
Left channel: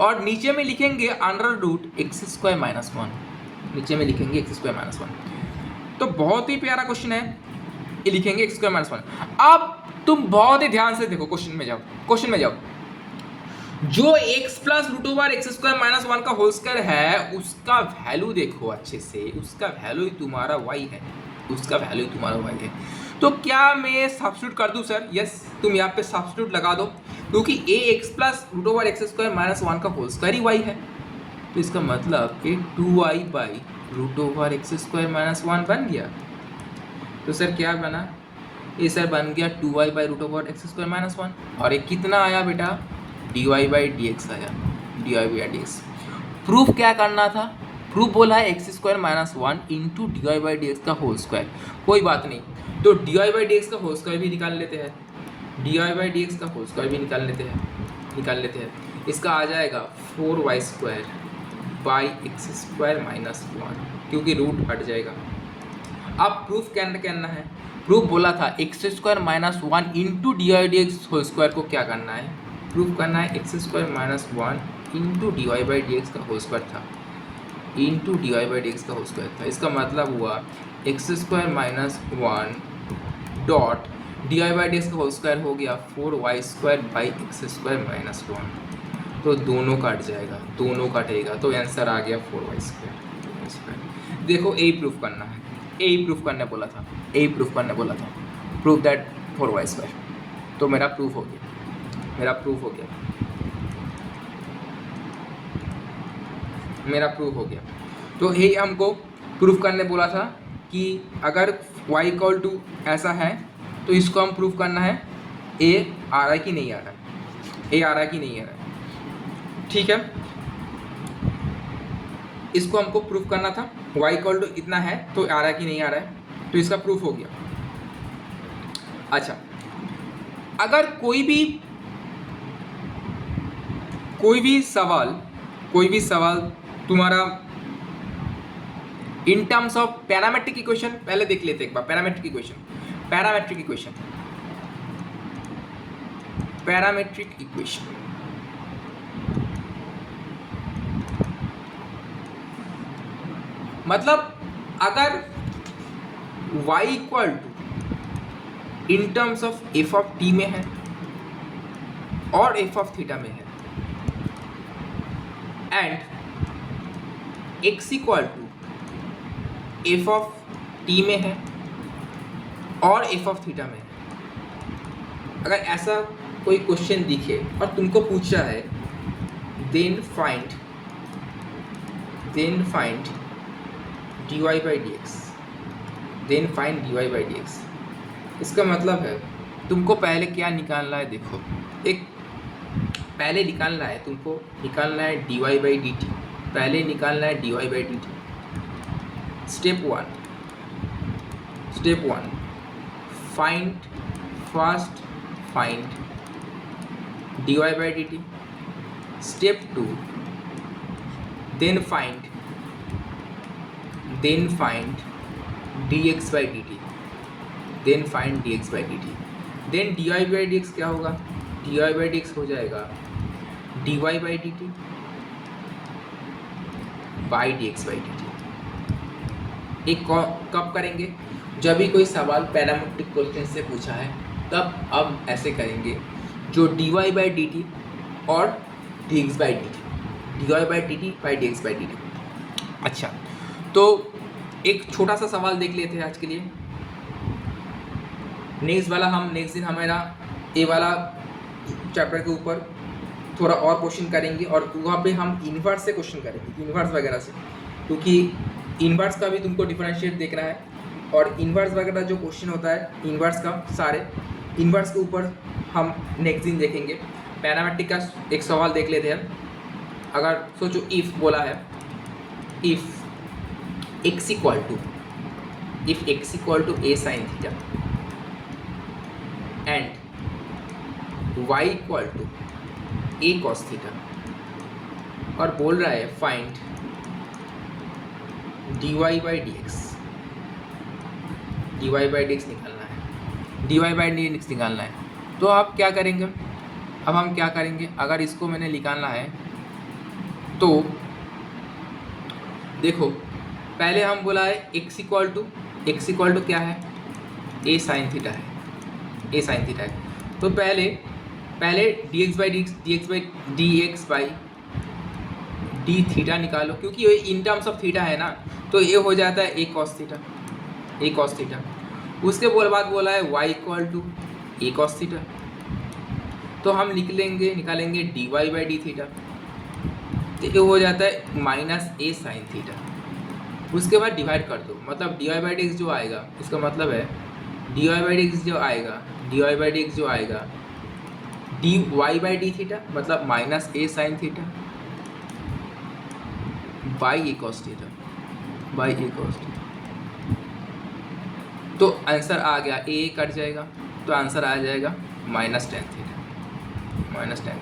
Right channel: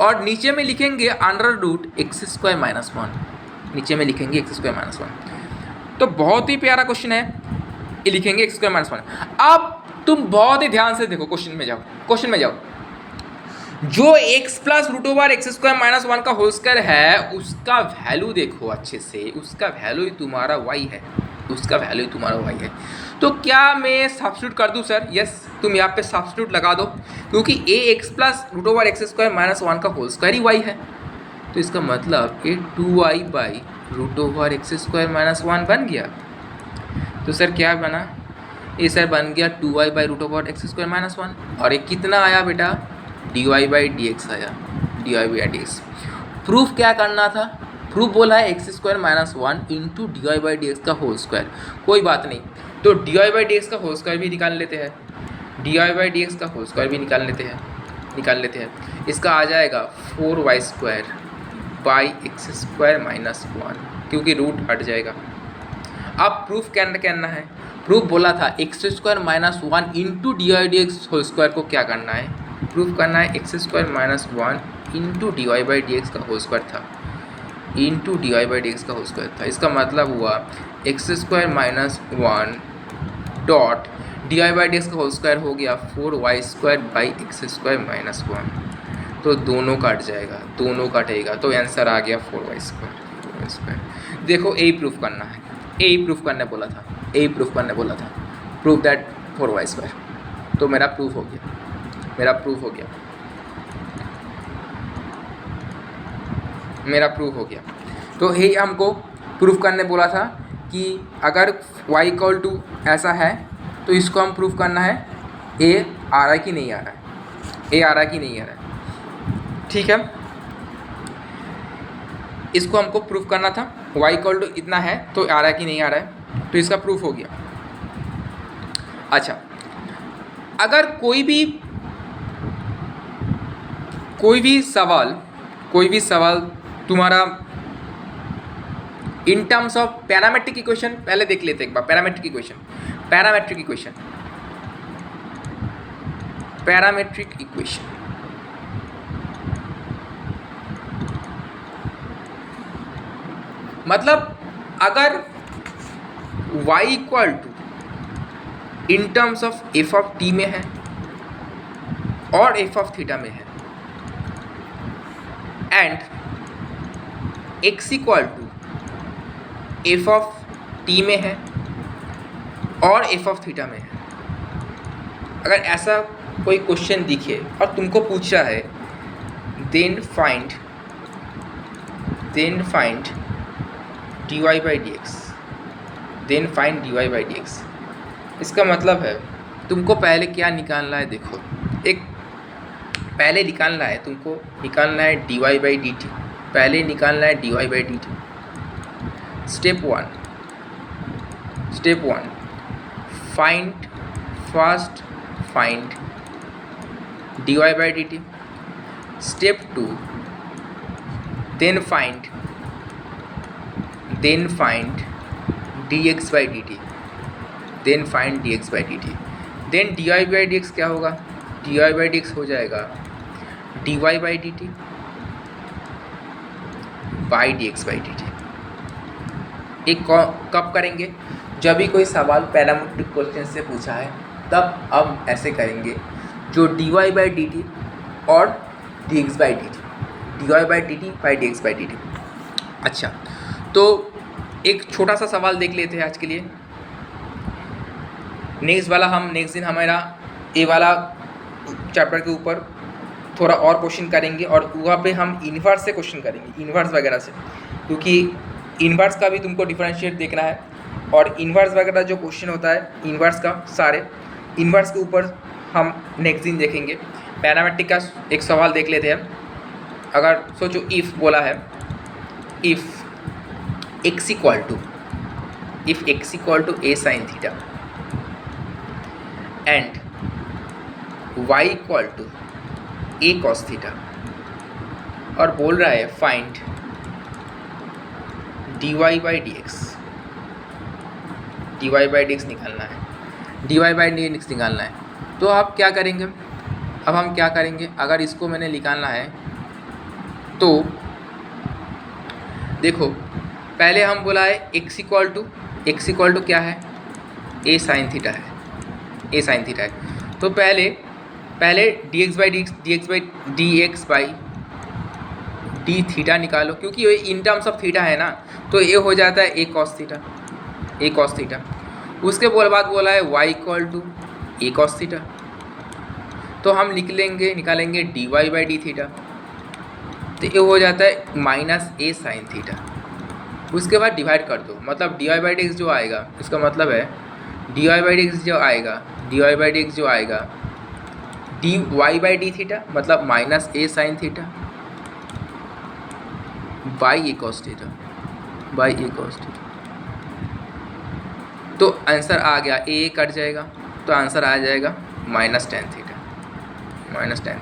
और नीचे में लिखेंगे under root x square minus 1, नीचे में लिखेंगे एक्स स्क्वायर माइनस 1। तो बहुत ही प्यारा क्वेश्चन है, ये लिखेंगे एक्स स्क्वायर माइनस 1। अब तुम बहुत ही ध्यान से देखो, क्वेश्चन में जाओ, जो x plus root over x square minus 1 का होल स्क्वायर है उसका वैल्यू देखो अच्छे से, उसका वैल्यू ही तुम्हारा y है, उसका वैल्यू तुम्हारा y है। तो क्या मैं सब्स्टिट्यूट कर दूं सर, यस तुम यहाँ पे सब्स्टिट्यूट लगा दो, क्योंकि a x plus root over x square minus 1 का होल स्क्वायर ही y है, तो इसका मतलब ये 2y by root over x square minus 1 बन गया। तो सर क्या बना, ये सर बन गया 2y by root over x square minus 1, और ये कितना आया बेटा, dy बाई डी एक्स आया, dy by d x. Proof क्या करना था, प्रूफ बोला है x square minus 1 into d y by d x का होल स्क्वायर, कोई बात नहीं, तो d y by d x का होल स्क्वायर भी निकाल लेते हैं, d y by d x का होल स्क्वायर भी निकाल लेते हैं, इसका आ जाएगा 4y square by x square minus 1, क्योंकि रूट हट जाएगा। अब प्रूफ क्या करना है, प्रूफ बोला था x square minus one into d y d x whole square को क्या करना है, प्रूफ करना है x square minus one into d y by d x का होल स्क्वायर था, into d y by d x का होल स्क्वायर था। इसका मतलब हुआ x square minus one dot d y by d x का होल स्क्वायर हो गया 4y² by x square minus one. तो दोनों काट जाएगा, दोनों काटेगा, तो आंसर आ गया 4y²। देखो यही प्रूफ करना है, यही प्रूफ करने बोला था, यही प्रूफ करने बोला था, प्रूफ दैट 4y²। तो मेरा प्रूफ हो गया, मेरा प्रूफ हो गया, मेरा प्रूफ हो गया। तो यही हमको प्रूफ करने बोला था कि अगर y इक्वल टू ऐसा है तो इसको हम प्रूफ करना है a आ रहा है कि नहीं आ रहा है, a आ रहा है कि नहीं आ रहा है, ठीक है। इसको हमको प्रूफ करना था y इक्वल टू इतना है तो आ रहा है कि नहीं आ रहा है, तो इसका प्रूफ हो गया। अच्छा, अगर कोई भी सवाल तुम्हारा इन टर्म्स ऑफ पैरामेट्रिक इक्वेशन, पहले देख लेते एक बार पैरामेट्रिक इक्वेशन। मतलब अगर y equal to in terms of f of t में है और एफ ऑफ थीटा में है, and x equal to F of t में है और एफ ऑफ थीटा में है। अगर ऐसा कोई क्वेश्चन दिखे और तुमको पूछा है then find dy by d x, then find dy by d x, इसका मतलब है तुमको पहले क्या निकालना है, देखो एक पहले निकालना है, तुमको निकालना है dy बाई डी टी, पहले निकालना है dy by d t. Step one first find dy by d t. Step two then find dx by d t, then find dx by d t. Then dy by d x क्या होगा, dy by d x हो जाएगा dy by d t by dx by d t. एक कब करेंगे, जब भी कोई सवाल पैरामेट्रिक क्वेश्चन से पूछा है तब अब ऐसे करेंगे, जो dy बाई डी टी और dx by d T, dy by d t by dx by d T. अच्छा, तो एक छोटा सा सवाल देख लेते हैं आज के लिए। नेक्स्ट दिन हमारा ए वाला चैप्टर के ऊपर थोड़ा और क्वेश्चन करेंगे और वहाँ पे हम इन्वर्स से क्वेश्चन करेंगे, इन्वर्स वगैरह से, क्योंकि इन्वर्स का भी तुमको डिफरेंशिएट देखना है। और इन्वर्स वगैरह जो क्वेश्चन होता है इन्वर्स का, सारे इन्वर्स के ऊपर हम नेक्स्ट दिन देखेंगे। पैरामेट्रिक का एक सवाल देख लेते हैं। अगर सोचो इफ़ बोला है, if x equal to a sine theta and y equal to a cos theta, और बोल रहा है find dy by d x, dy by d x निकालना है, dy बाई डी एक्स निकालना है। तो आप क्या करेंगे, अब हम क्या करेंगे, अगर इसको मैंने निकालना है तो देखो पहले हम बोला है x इक्वल टू क्या है, a साइन थीटा है, a साइन थीटा है। तो पहले dx बाई डी थीटा निकालो, क्योंकि ये इन टर्म्स ऑफ थीटा है ना, तो ये हो जाता है a कॉस थीटा। उसके बाद बोला है y equal to a cos theta, तो हम निकालेंगे dy बाई डी थीटा, तो ये हो जाता है माइनस a साइन थीटा। उसके बाद डिवाइड कर दो, मतलब dy बाई डी एक्स जो आएगा, इसका मतलब है dy बाई डी एक्स जो आएगा dy बाई डी थीटा, मतलब minus a sine theta by a cos theta. तो आंसर आ गया, a कट जाएगा तो आंसर आ जाएगा माइनस टेन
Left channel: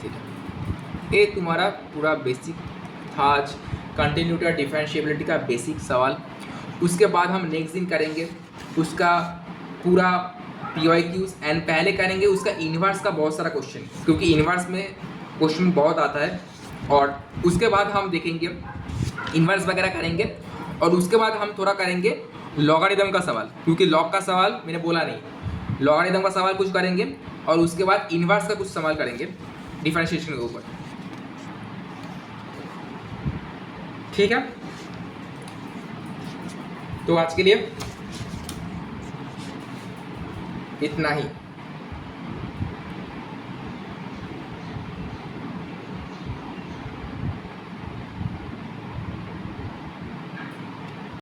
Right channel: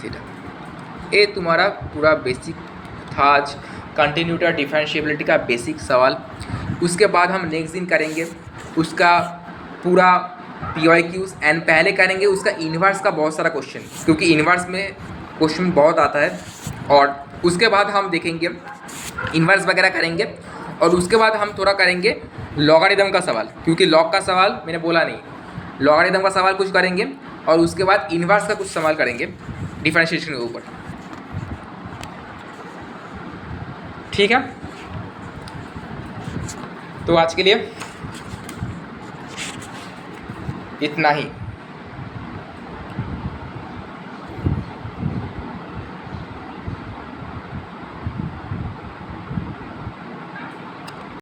थीटा। ये तुम्हारा पूरा बेसिक था आज, कंटिन्यूटी और डिफरेंशिएबिलिटी का बेसिक सवाल। उसके बाद हम नेक्स्ट दिन करेंगे उसका पूरा PYQs एंड पहले करेंगे उसका इन्वर्स का बहुत सारा क्वेश्चन, क्योंकि इन्वर्स में क्वेश्चन बहुत आता है, और उसके बाद हम देखेंगे इन्वर्स वगैरह करेंगे, और उसके बाद हम थोड़ा करेंगे लॉगरिदम का सवाल, क्योंकि लॉग का सवाल मैंने बोला नहीं, लॉगरिदम का सवाल कुछ करेंगे, और उसके बाद इन्वर्स का कुछ सवाल करेंगे डिफरेंशिएशन के ऊपर। ठीक है, तो आज के लिए इतना ही।